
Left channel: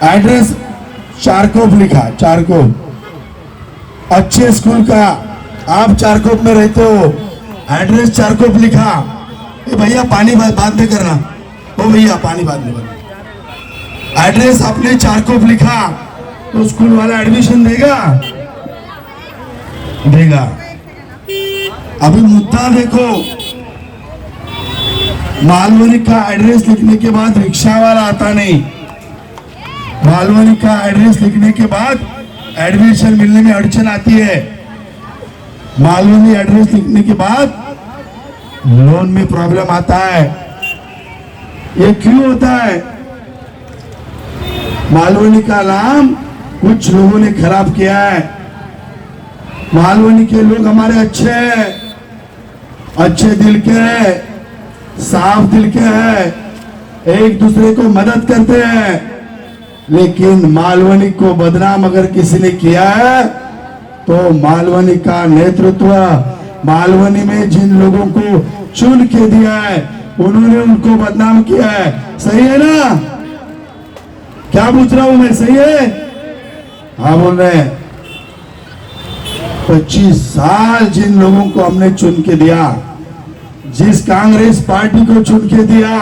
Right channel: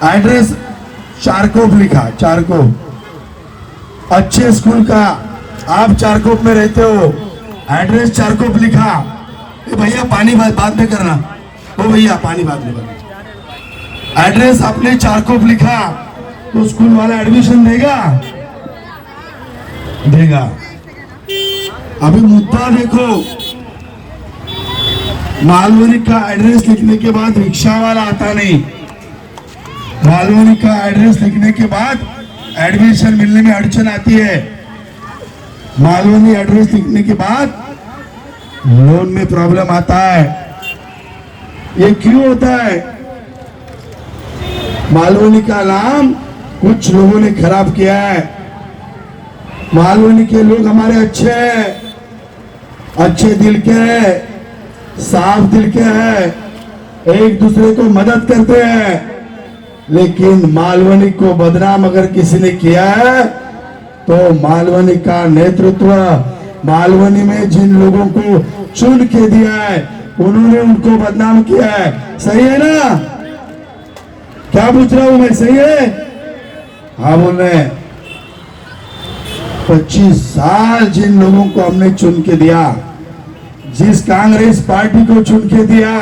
एड्रेस चारकोप लिखा, चारकोप, अच्छे स्कूल का, आप चारकोप में रहते हो, एड्रेस चारकोप लिखा। भैया पानी बाद में करना, ओ भैया पानी बाद में करना। एड्रेस आपने चारकोप लिखा, तो स्कूल वाला एडमिशन देगा? देगा। अभी मुद्दा देखो, मालवनी का एड्रेस लिखने के बाद रिक्शा वाला आता नहीं, मालवनी का एड्रेस लिखने के बाद एडमिशन मिलने में अड़चन आती है, मालवनी एड्रेस लिखने के बाद लोन में प्रॉब्लम आता है। ये क्यों होता है? मालवनी का नाम कुछ लोगों ने खराब किया है। मालवनी के लोग हमारे अच्छे हैं, अच्छे दिल के हैं, साफ दिल के हैं, एक दूसरे को मदद करते हैं, लेकिन मालवनी को बदनाम अगर किसी ने किया है तो मालवनी का नेतृत्व, मालवनी में जिन लोगों को चुन के दिया है उन्होंने उनको बदनाम किया है। सही है ना? क्या पूछ रहा हूं मैं, सही है? हाँ बोल रहे हैं। 25 साल जिन लोगों को हमने चुन के दिया, जिस कांग्रेस पार्टी को चुन के दिया,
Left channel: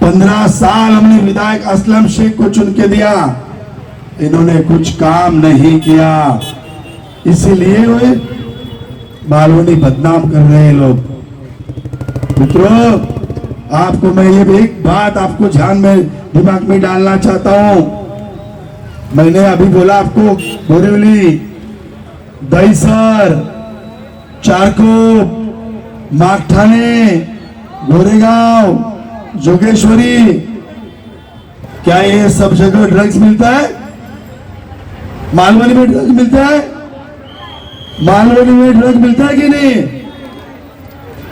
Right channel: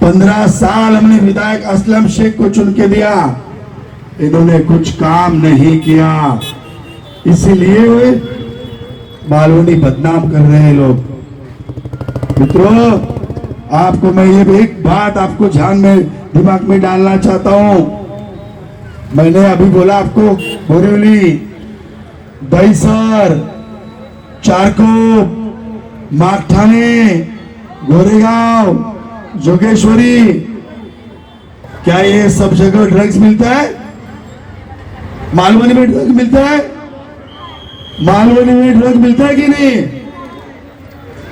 15 साल हमने विधायक असलम शेख को चुन के दिया, इन्होंने कुछ काम नहीं किया, इसीलिए वे मालवनी बदनाम कर रहे हैं लोग। मित्रों, आपको मैं ये एक बात आपको ध्यान में दिमाग में डालना चाहता हूं। मैंने अभी बोला आपको बोरीवली, दहीसर, चारकोप, माकठाने, गोरेगांव, जोगेश्वरी, क्या ये सब जगह ड्रग्स मिलता है? मालवनी में ड्रग्स मिलता है? मालवनी में ड्रग्स मिलता है कि नहीं?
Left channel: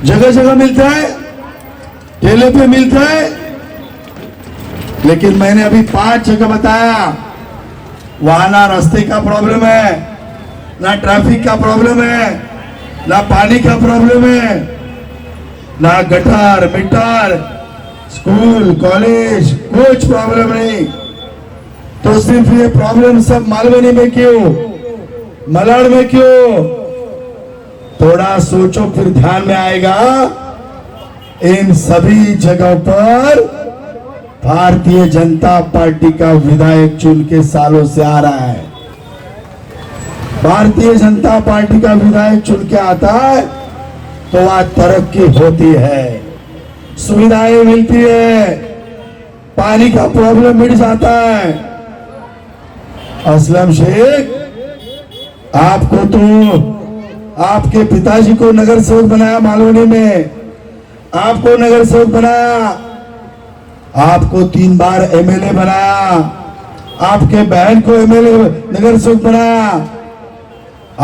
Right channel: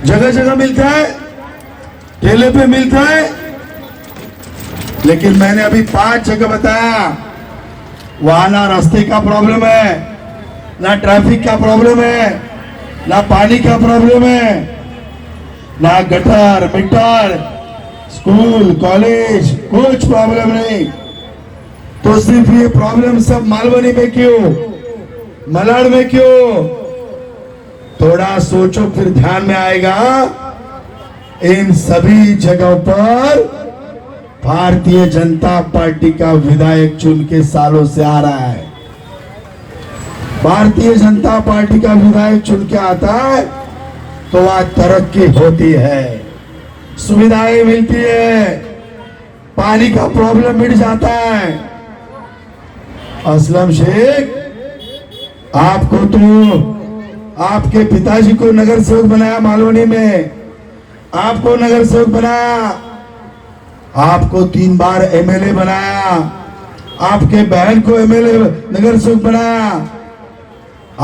जगह जगह मिलता है, ठेले पे मिलता है। लेकिन मैंने अभी 5 जगह बताया, वहां ना रास्ते का प्रॉब्लम है, ना ट्रैफिक का प्रॉब्लम है, ना पानी का प्रॉब्लम है, ना गटर मिटर, स्कूल कॉलेज, कुछ प्रॉब्लम नहीं। तो सिर्फ ये प्रॉब्लम सब मालवनी में क्यों, मलाड में क्यों? थोड़ा सोचो फिर ध्यान में आएगा। इन सभी जगहों पर भारतीय जनता पार्टी का विधायक चुन के सालों से आ रहा है। भारतीय जनता पार्टी का विधायक चुन के आता है तो वहां तरक्की होती है, सुविधाएं मिलती है, पानी का प्रॉब्लम मिट जाता है। असलम शेख, आपको तो आपके पिताजी को नगर सेवक बनाया मालवनी में, आपको नगर सेवक बनाया, आपको 3 बार एमएलए बनाया, आपके बहन को एमएलए नगर सेवक बनाया,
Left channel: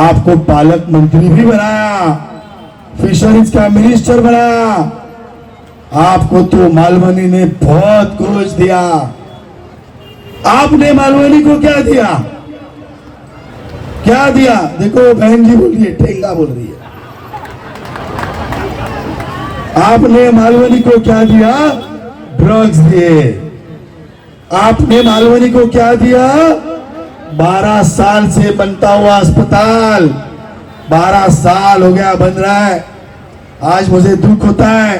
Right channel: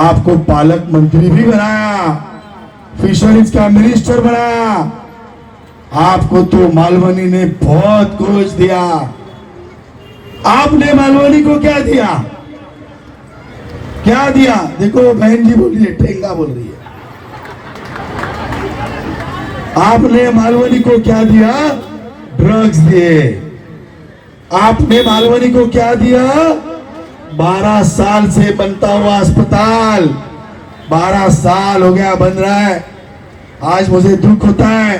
आपको पालक मंत्री भी बनाया, फिशरीज का मिनिस्टर बनाया, आपको तो मालवनी ने बहुत कुछ दिया। आपने मालवनी को क्या दिया? क्या दिया? देखो बहन जी बोल रही है, ठेंगा बोल रही है। आपने मालवनी को क्या दिया? ड्रग्स दिए। आपने मालवनी को क्या दिया? 12 साल से बनता हुआ अस्पताल, 12 साल हो गया बन रहा है। आज मुझे दुख होता है,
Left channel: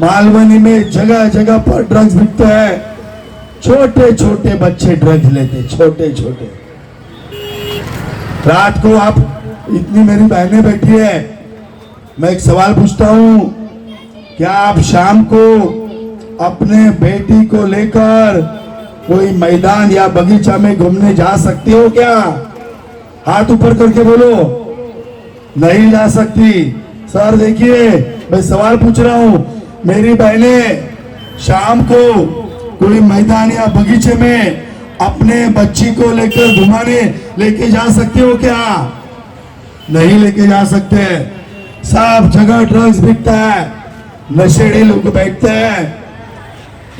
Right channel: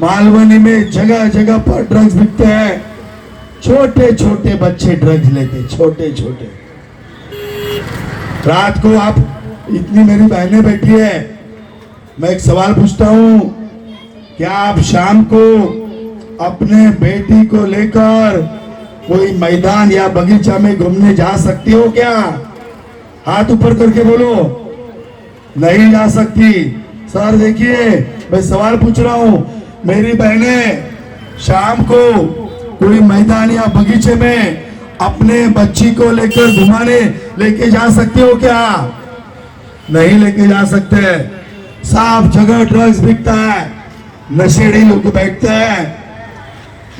मालवनी में जगह जगह पर ड्रग्स बिकते हैं, छोटे छोटे बच्चे ड्रग्स लेते, छोटे छोटे। रात को आप, इतनी मेरी बहनें बैठी है, मैं एक सवाल पूछता हूं, क्या आप शाम को अपने बेटी को लेकर कोई मैदान या बगीचा में घूमने जा सकती हो क्या? हाथ ऊपर करके बोलो। नहीं जा सकती। सर देखिए, मैं सवाल पूछ रहा हूं, मेरी बहनें शाम को कोई मैदान या बगीचे में अपने बच्ची को लेकर घुमाने लेके जा सकते हो क्या? नहीं लेके जा सकते। सब जगह ड्रग्स बिकता है, नशेड़ी लोग बैठते हैं।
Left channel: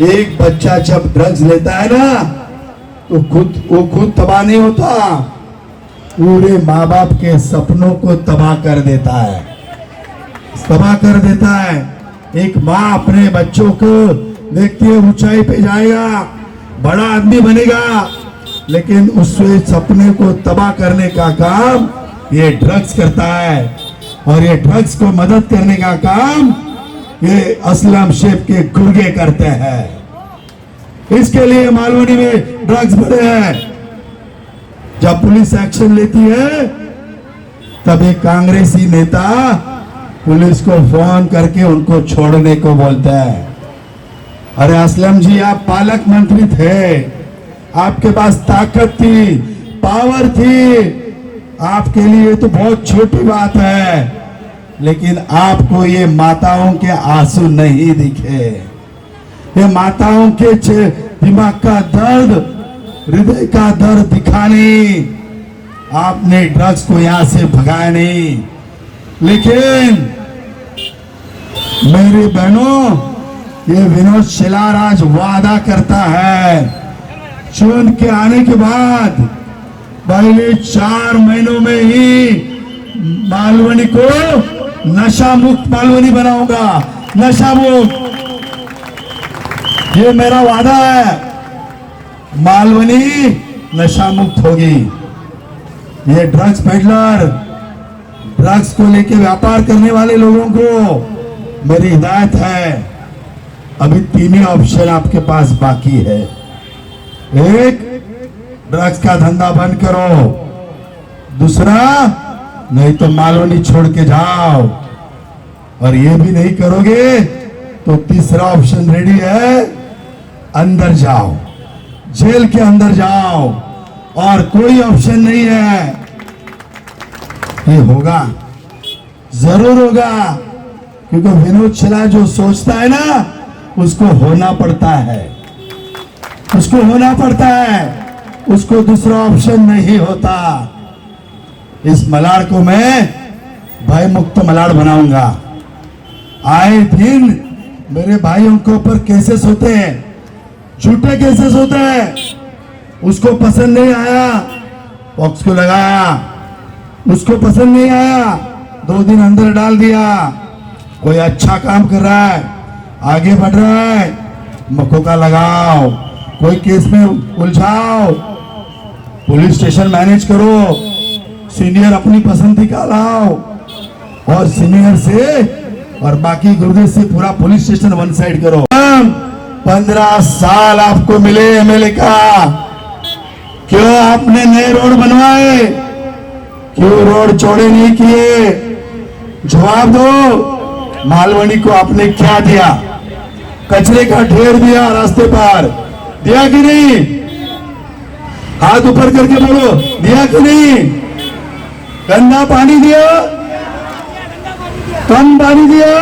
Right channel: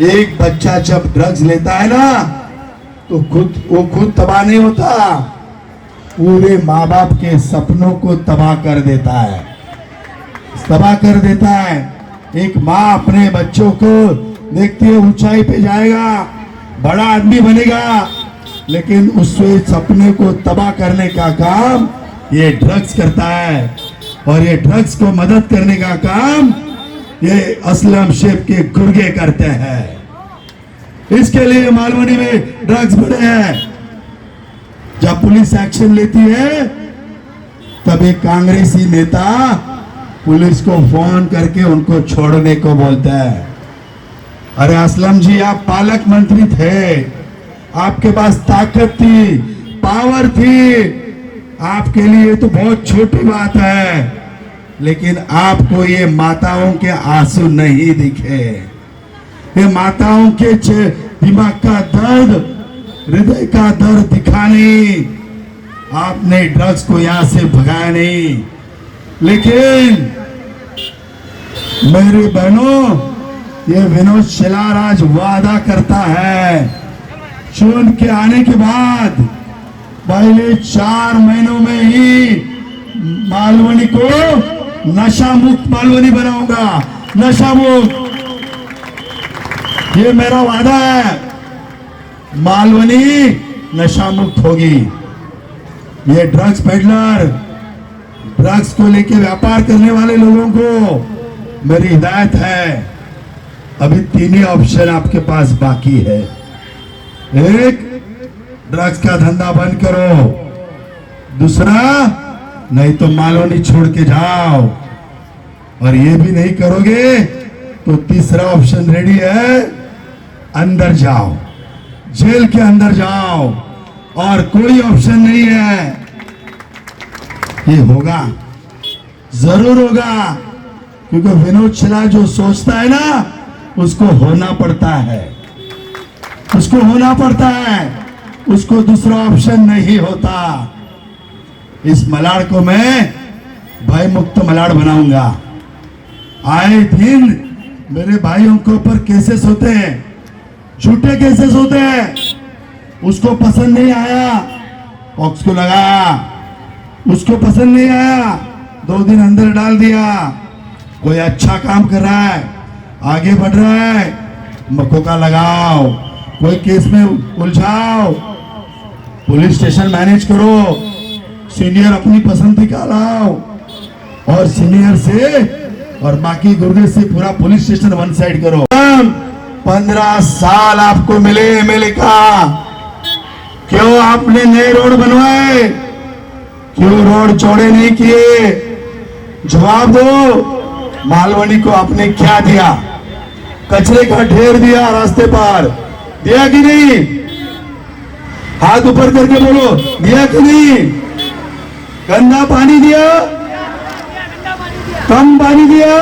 एक बच्चा जब ड्रग्स लेता है ना तो वो खुद तबाह नहीं होता, पूरे माँ बाप के सपनों को तबाह कर देता है, तबाह कर देता है। एक माँ अपने बच्चों को देखती है ऊंचाई पे जाएगा, बड़ा आदमी बनेगा, लेकिन उसके सपने को तबाह करने का काम ये ड्रग्स करता है। और ये ड्रग्स को मदद करने का काम ये असलम शेख के गुर्गे करते हैं। इसके लिए मालवनी में ड्रग्स बढ़े हैं। जब पुलिस एक्शन लेती है तब एक कांग्रेसी नेता पुलिस को फोन करके उनको छोड़ने को बोलता है। अरे असलम जी, आप पालक मंत्री थे, आपके पास ताकत थी, पावर थी, आपके लिए तो बहुत छोटी बात है, लेकिन आपको ये माताओं के आंसू नहीं दिखे, ये माताओं के दिमाग का दर्द, हृदय का दर्द दिखा नहीं। आपने ड्रग्स को यहां से भगाया नहीं। लेकिन मेरी बहनों, ये विनोद शेलार आज वादा करता है, चुन के आने के बाद पहले 4 महीनों में ही मालवनी को नशा मुक्त मालवनी बनाऊंगा, नशा मुक्त। ये मेरा वादा है, मालवनी नशा मुक्त होगी। ये ड्रग्स पेडलर, ड्रग्स को लेके व्यापार करने वाले लोगों को मेरी हिदायत है, अभी 3 ही ऑप्शन आपके पास बाकी है। एक, ड्रग्स का धंधा बंद करो। दूसरा, नहीं तो मालवनी छोड़ के जाओ। और ये भी नहीं करोगे तो तीसरा ऑप्शन रेडी है, अंदर जाओ, जेल के अंदर जाओ। और कोई ऑप्शन नहीं है। ये होगा, जरूर होगा, क्योंकि विनोद शेलार जो सोचता है ना उसको होना पड़ता है, उसको होना पड़ता है, उसको दूसरा ऑप्शन नहीं होता। इस मलाड़ को मैं भय मुक्त मलाड़ बनाऊंगा। आए दिन मेरे भाइयों के ऊपर केसेस होते हैं, झूठे केसेस होते हैं। उसको पसंद नहीं आया, पॉक्स को लगाया, उसको पसंद नहीं आया, 2 दिन अंदर डाल दिया। कोई अच्छा काम कर रहा है, आगे बढ़ रहा है, मकोका लगाओ, कोई केस में उलझाओ, पुलिस स्टेशन मैनेज करो, सीनियर अपनी पसंदी का लाओ, और सीनियर से और बाकी गुर्दे से पूरा पुलिस स्टेशन वन साइड करो। 15 साल आपको मिले एमएलए का, क्यों आपने नए रोड बनवाए, क्यों रोड चौड़े नहीं किए? जवाब दो। मालवनी को आपने क्या दिया? कचरे का ढेर दिया रास्ते पर, दिया कि नहीं? हाथ ऊपर करके बोलो, दिया कि नहीं? गंदा पानी दिया, कम पानी दिया,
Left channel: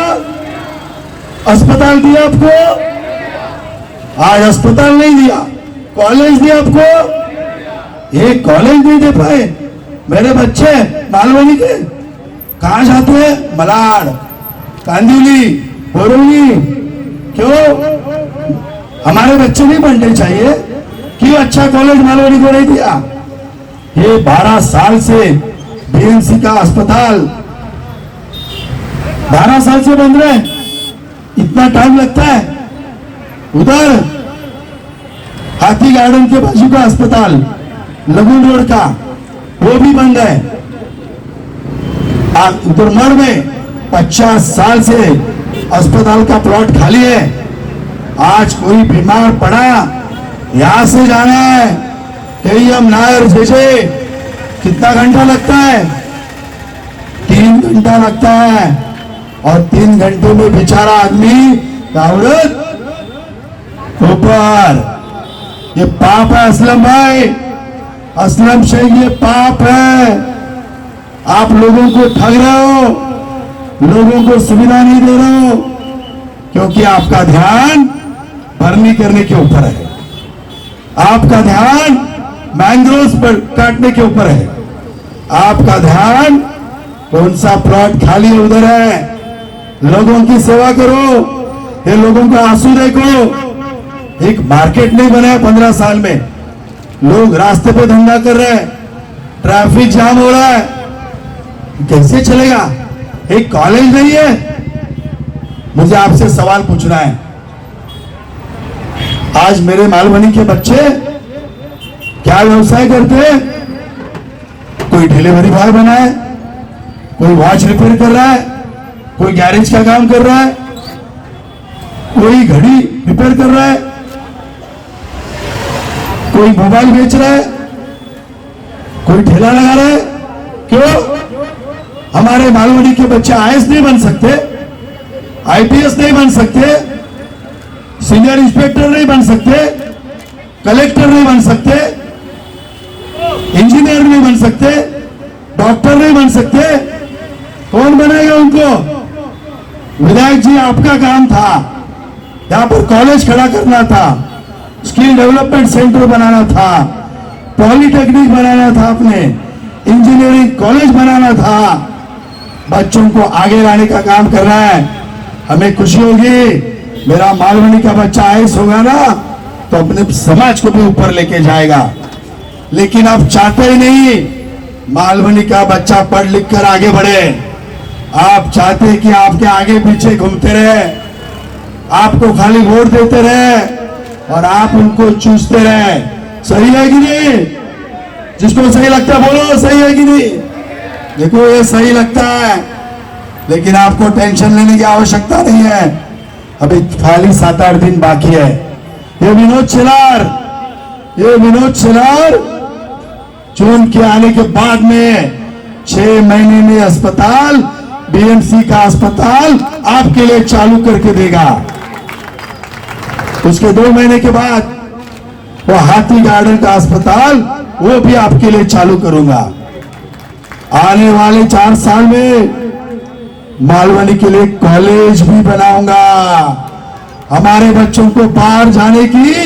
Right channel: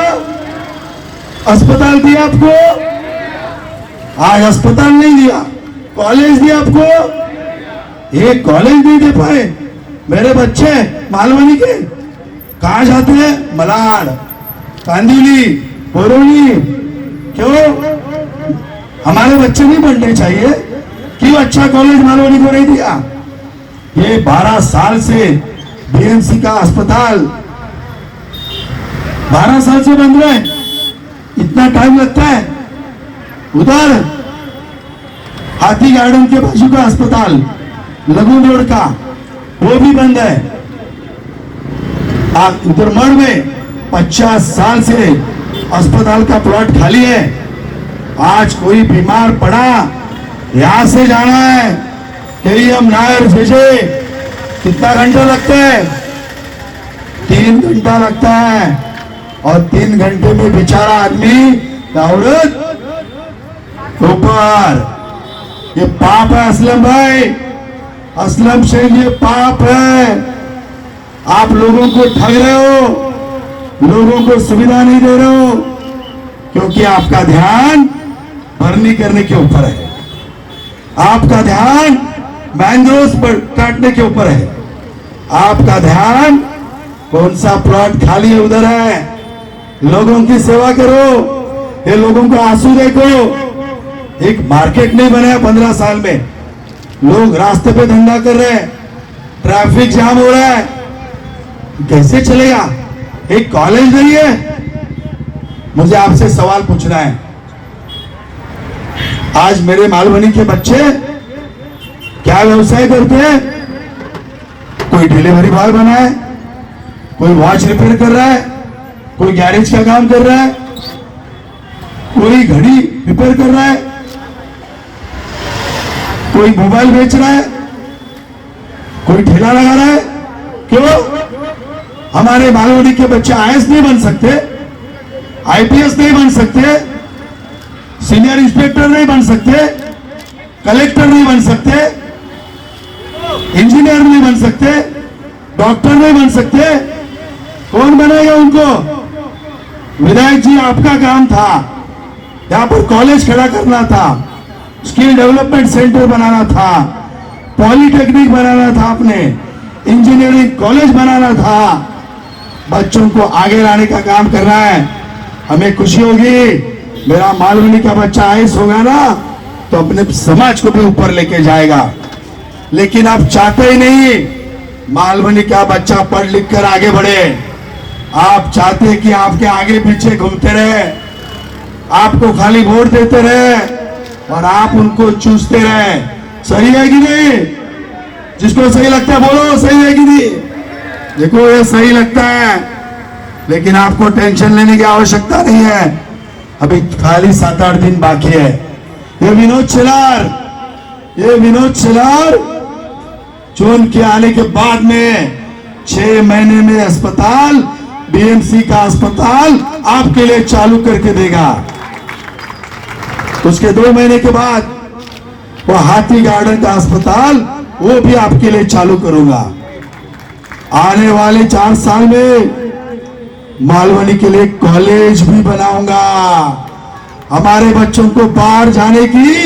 अस्पताल दिया आपको? आज अस्पताल नहीं दिया, कॉलेज दिया आपको? एक कॉलेज नहीं दे पाए। मेरे बच्चे मालवनी के कहां जाते हैं? मलाड, कांदिवली, बोरोली। क्यों? हमारे बच्चे नहीं पढ़ने चाहिए? क्यों अच्छा कॉलेज मालवनी को नहीं दिया? ये 12 साल से बीएमसी का अस्पताल 12 साल से बंद रहे, इतना टाइम लगता है। उधर हाथी गार्डन के बाजू का अस्पताल लगून रोड का, वो भी बंद है। उधर मड़ में 50 साल से अस्पताल का प्लॉट खाली है। आज कोई बीमार पड़ा, यहां से जाना है KEM नायर भेजे, कितना घंटा लगता है? 3 घंटा लगता है। और 3 घंटे में बेचारा आदमी औरत ऊपर। ये पाप है असलम भाई, असलम शेख, ये पाप है। आप लोगों को ठग रहे हो, लोगों को सुविधा नहीं दे रहे हो, क्योंकि आपका ध्यान भरनी करने के ऊपर है, आपका ध्यान मैंग्रोव्स पर काटने के ऊपर है, आपका ध्यान कौन सा प्लॉट खाली है उधर है। लोगों की सेवा करो, ये लोगों का आंसू देखो। एक मार्केट नहीं बना है 15 साल में, लोग रास्ते पे धंधा कर रहे हैं, ट्रैफिक जाम हो रहा है, कैसे चलेगा? एक कॉलेज नहीं है। मुझे आपसे सवाल पूछना है, आज मेरे मालवनी के बच्चे क्या व्यवसाय करते हैं? कोई डिलीवरी बॉय बना है, कोई वॉच रिपेयर कर रहा है, कोई गैरेज का काम कर रहा है, कोई घड़ी रिपेयर कर रहा है, कोई मोबाइल बेच रहा है, कोई ठेला लगा रहा है। क्यों? हमारे मालवनी के बच्चे आईएएस नहीं बन सकते, आईपीएस नहीं बन सकते, सीनियर इंस्पेक्टर नहीं बन सकते, कलेक्टर नहीं बन सकते, इंजीनियर नहीं बन सकते, डॉक्टर नहीं बन सकते। कौन बनेगा उनको? विधायक जी, आपका काम था यहां पर कॉलेज खड़ा करना था, स्किल डेवलपमेंट सेंटर बनाना था, पॉलिटेक्निक बनाना था, आपने इंजीनियरिंग कॉलेज बनाना था, बच्चों को आगे लाने का काम करना है। हमें खुशी होगी, मेरा मालवनी का बच्चा आईएएस होगा ना तो अपने समाज को भी ऊपर लेके जाएगा। लेकिन आप चाहते ही नहीं मालवनी का बच्चा पढ़ लिख कर आगे बढ़े। आप चाहते हैं कि आपके आगे पीछे घूमते रहे, आपको खाली वोट देते रहे और आप उनको चूसते रहे। सही है कि नहीं? जिसको सही लगता है बोलो, सही है कि नहीं? देखो, ये सही लगता है, लेकिन आपको टेंशन लेने की आवश्यकता नहीं है। अभी खाली 7-8 दिन बाकी है। ये विनोद छिलार चुन के आने के बाद में 6 महीने में अस्पताल, बीएमसी का अस्पताल आपके लिए चालू करके देगा। उसके 2 महीने के बाद वो हाथी गार्डन का अस्पताल वो भी आपके लिए चालू करूंगा। आने वाले 4 साल में मालवनी के लिए कॉलेज भी बनाऊंगा। हमारे बच्चों को बाहर जाने की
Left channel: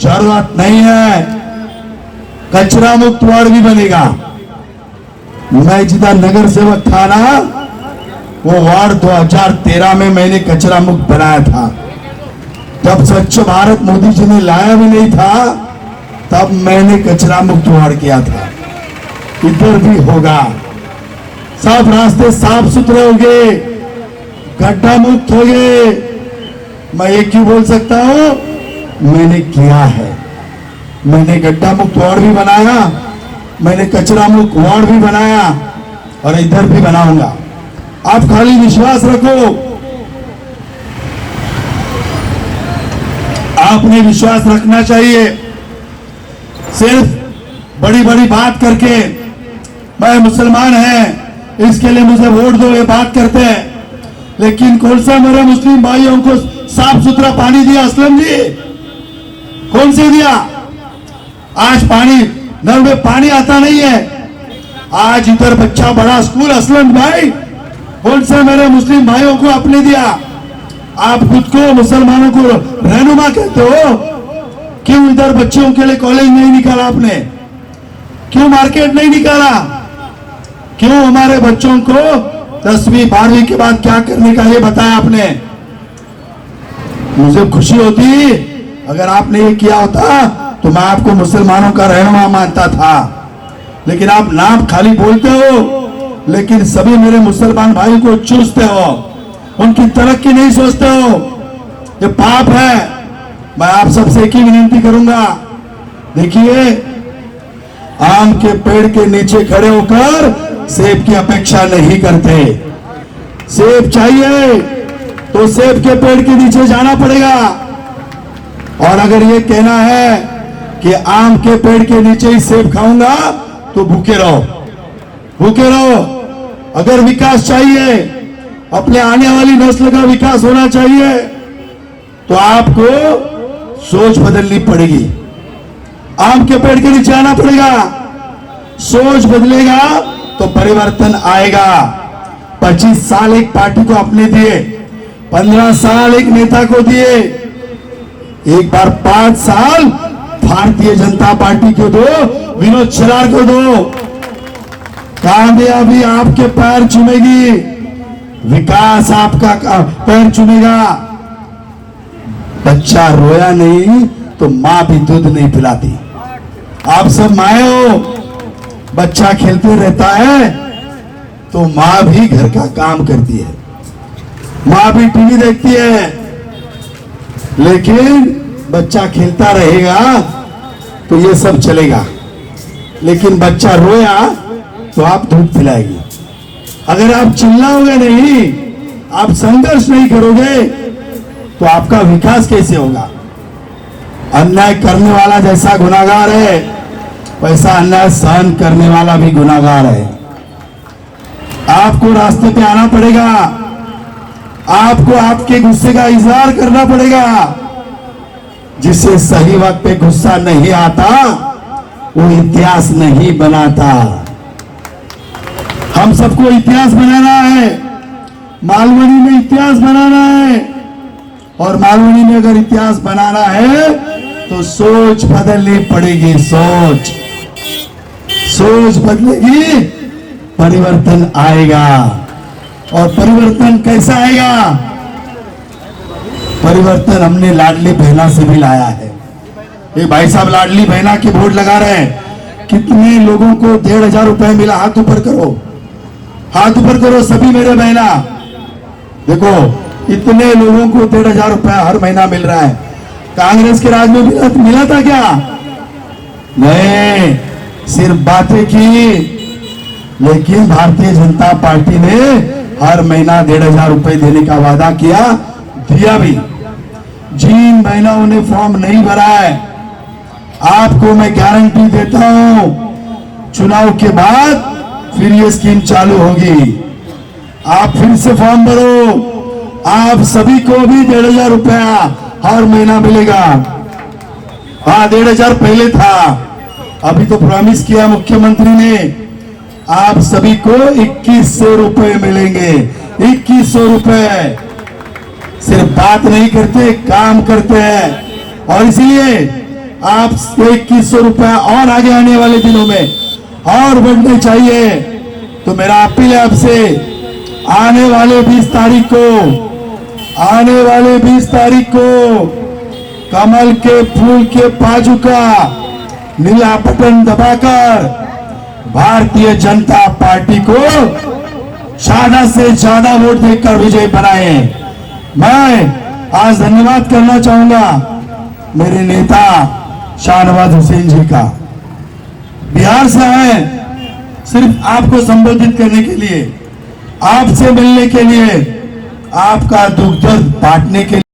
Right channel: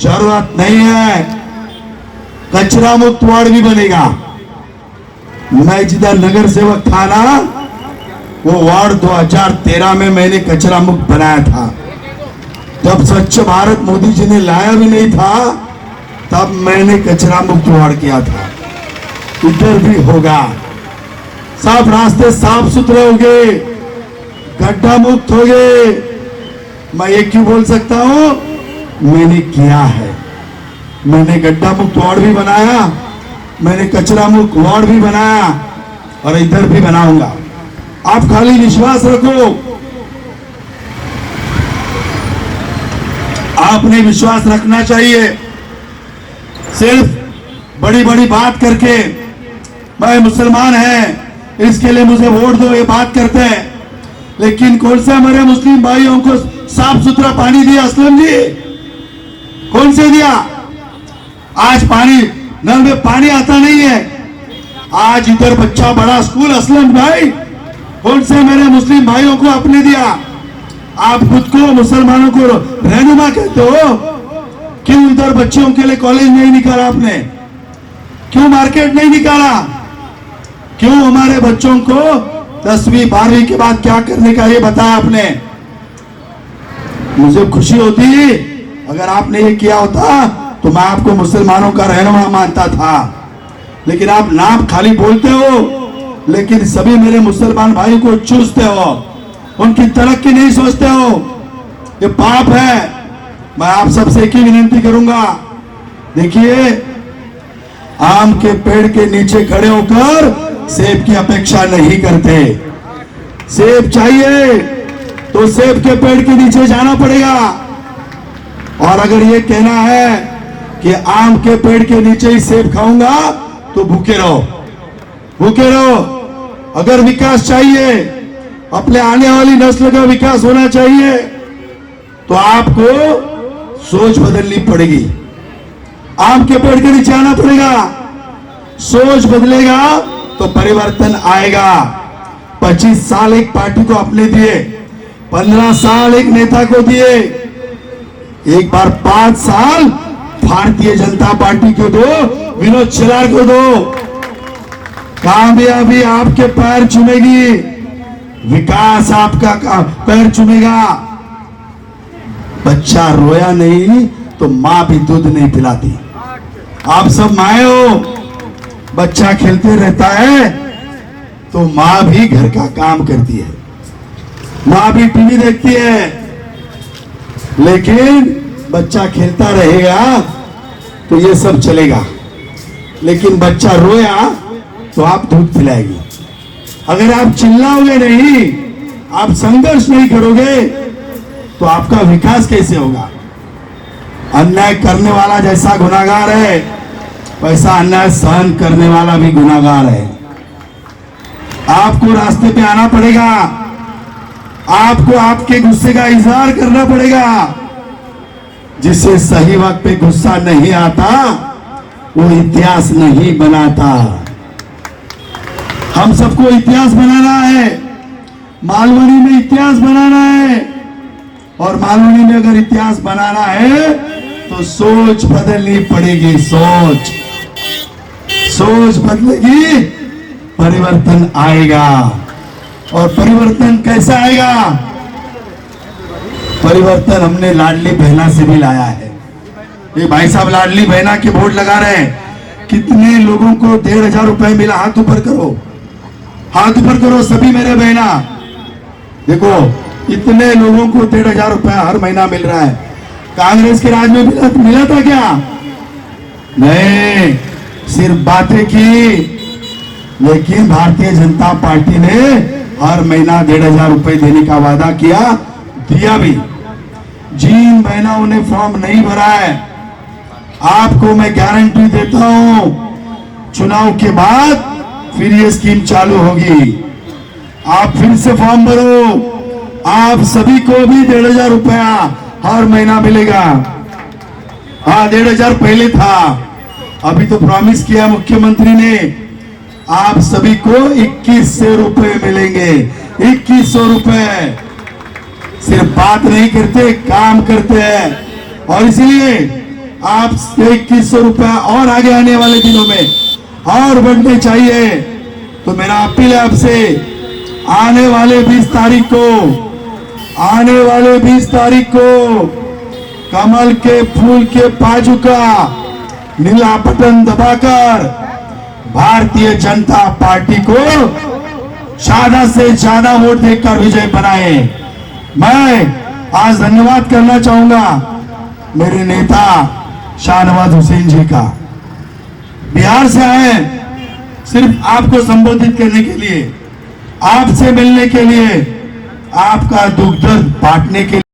जरूरत नहीं है। कचरा मुक्त वार्ड भी बनेगा। मैं जिधर नगर सेवक था ना, वो वार्ड 2013 में मैंने कचरा मुक्त बनाया था। जब स्वच्छ भारत मोदी जी ने लाया भी नहीं था, तब मैंने कचरा मुक्त वार्ड किया था। इधर भी होगा। साफ रास्ते साफ सुथरे होंगे, गड्ढा मुक्त होंगे। मैं ये क्यों बोल सकता हूं? मैंने किया है। मैंने गड्ढा मुक्त वार्ड भी बनाया, मैंने कचरा मुक्त वार्ड भी बनाया और इधर भी बनाऊंगा। आप खाली विश्वास रखो। आपने विश्वास रखना चाहिए। सिर्फ बड़ी बड़ी बात करके मैं मुसलमान है इसके लिए मुझे वोट दो, ये बात करते हैं, लेकिन कौन सा हमारे मुस्लिम भाइयों को साफ सुथरा पानी दिया असलम जी? कौन से दिया? आज पानी नल में पानी आता नहीं है। आज इधर बच्चा बड़ा स्कूल असलम भाई, कौन से मेरे मुस्लिम भाइयों को आपने दिया? आप खुद को मुसलमानों को रहनुमा कहते हो, क्यों इधर बच्चों के लिए कॉलेज नहीं निकाला आपने? क्यों मार्केट नहीं निकाला? क्यों हमारे बच्चों को 10वीं 12वीं के बाद क्या करने का ये बताया आपने? मुझे खुशी होती अगर आपने ये किया होता तो मैं आपको मुसलमानों का रहनुमा मानता था। लेकिन आप नाम खाली बोलते हो, लेकिन सभी मेरे मुसलमान भाई को चूसते हो, उनकी तरक्की नहीं सोचते हो। ये पाप है। मैं आप सबसे एक ही विनती करूंगा, देखिए, आम के पेड़ के नीचे खड़े होकर सेब की अपेक्षा नहीं करते। सेब चाहिए तो सेब के पेड़ के नीचे जाना पड़ेगा। और अगर ये कहना है कि आम के पेड़ के नीचे ही सेब खाऊंगा तो भूखे रहो, भूखे रहो। अगर विकास चाहिए, अपने आने वाली नस्ल का विकास होना चाहिए, तो आपको सोच बदलनी पड़ेगी। आपके पेड़ के नीचे आना पड़ेगा। सोच बदलेगा तो परिवर्तन आएगा। 25 साल एक पार्टी को अपने दिए, 15 साल एक नेता को दिए, एक बार 5 साल भारतीय जनता पार्टी को दो, विनोद छिरार को दो। कामयाबी आपके पैर चुमेगी, विकास आपका पैर चुमेगा। बच्चा रोया नहीं तो मां भी दूध नहीं पिलाती। आप सब माए हो, बच्चा खेलते रहता है तो मां भी घर का काम करती है, मां भी टीवी देखती है, लेकिन बच्चा खेलता रहेगा तो ये सब चलेगा। लेकिन बच्चा रोया तो आप दूध पिलाएगी। अगर आप चिल्लाओगे नहीं, आप संघर्ष नहीं करोगे, तो आपका विकास कैसे होगा? अन्याय करने वाला जैसा गुनाहगार है, वैसा अन्याय सहन करने वाला भी गुनाहगार है। आपको रास्ते पे आना पड़ेगा, आपको आपके गुस्से का इजहार करना पड़ेगा। जिससे सही वक्त पे गुस्सा नहीं आता, वो इतिहास नहीं बनाता। हम सबको इतिहास बनाना है, मालवनी में इतिहास बनाना है। और मालवनी में अगर इतिहास बनाना है तो सोच बदलनी पड़ेगी। सोच बदलेगी, परिवर्तन आएगा। और परिवर्तन कैसा आएगा? परिवर्तन हमने लाडली बहना से भी लाया है। ये भाई साहब लाडली बहना के बोर्ड लगा रहे हैं। कितने लोगों को 1,500 रुपए मिला? हाथ ऊपर करो, हाथ ऊपर करो सभी मेरे बहना। देखो, इतने लोगों को 1,500 रुपए हर महीना मिल रहा है। कांग्रेस के राज में मिला था क्या? नहीं, सिर्फ बातें की। लेकिन भारतीय जनता पार्टी ने हर महीना 1,500 रुपए देने का वादा किया, दिया भी। जिन महिलाओं ने फॉर्म नहीं भरा है, आपको मैं गारंटी देता हूं, चुनाव के बाद फिर ये स्कीम चालू होगी। आप फिर से फॉर्म भरो, आप सभी को भी 1,500 रुपया हर महीना मिलेगा। हाँ, 1,500 पहले था, अभी तो प्रॉमिस किया मुख्यमंत्री ने, आप सभी को 2,100 रुपए मिलेंगे। 2,100 रुपए। सिर्फ बात नहीं करते, काम करते हैं। और इसलिए आप 2,100 रुपया और आगे आने वाले दिनों में और बढ़ने चाहिए। तो मेरा अपील है आपसे, आने वाले 20 तारीख को कमल के फूल के बाजू का नीला बटन दबाकर भारतीय जनता पार्टी को ज्यादा से ज्यादा वोट देकर विजय बनाए। मैं आज धन्यवाद करना चाहूंगा मेरे नेता शाहनवाज हुसैन जी का। बिहार से आए सिर्फ आपको संबोधित करने के लिए, आपसे मिलने के लिए, आपका दुख दर्द बांटने के लिए।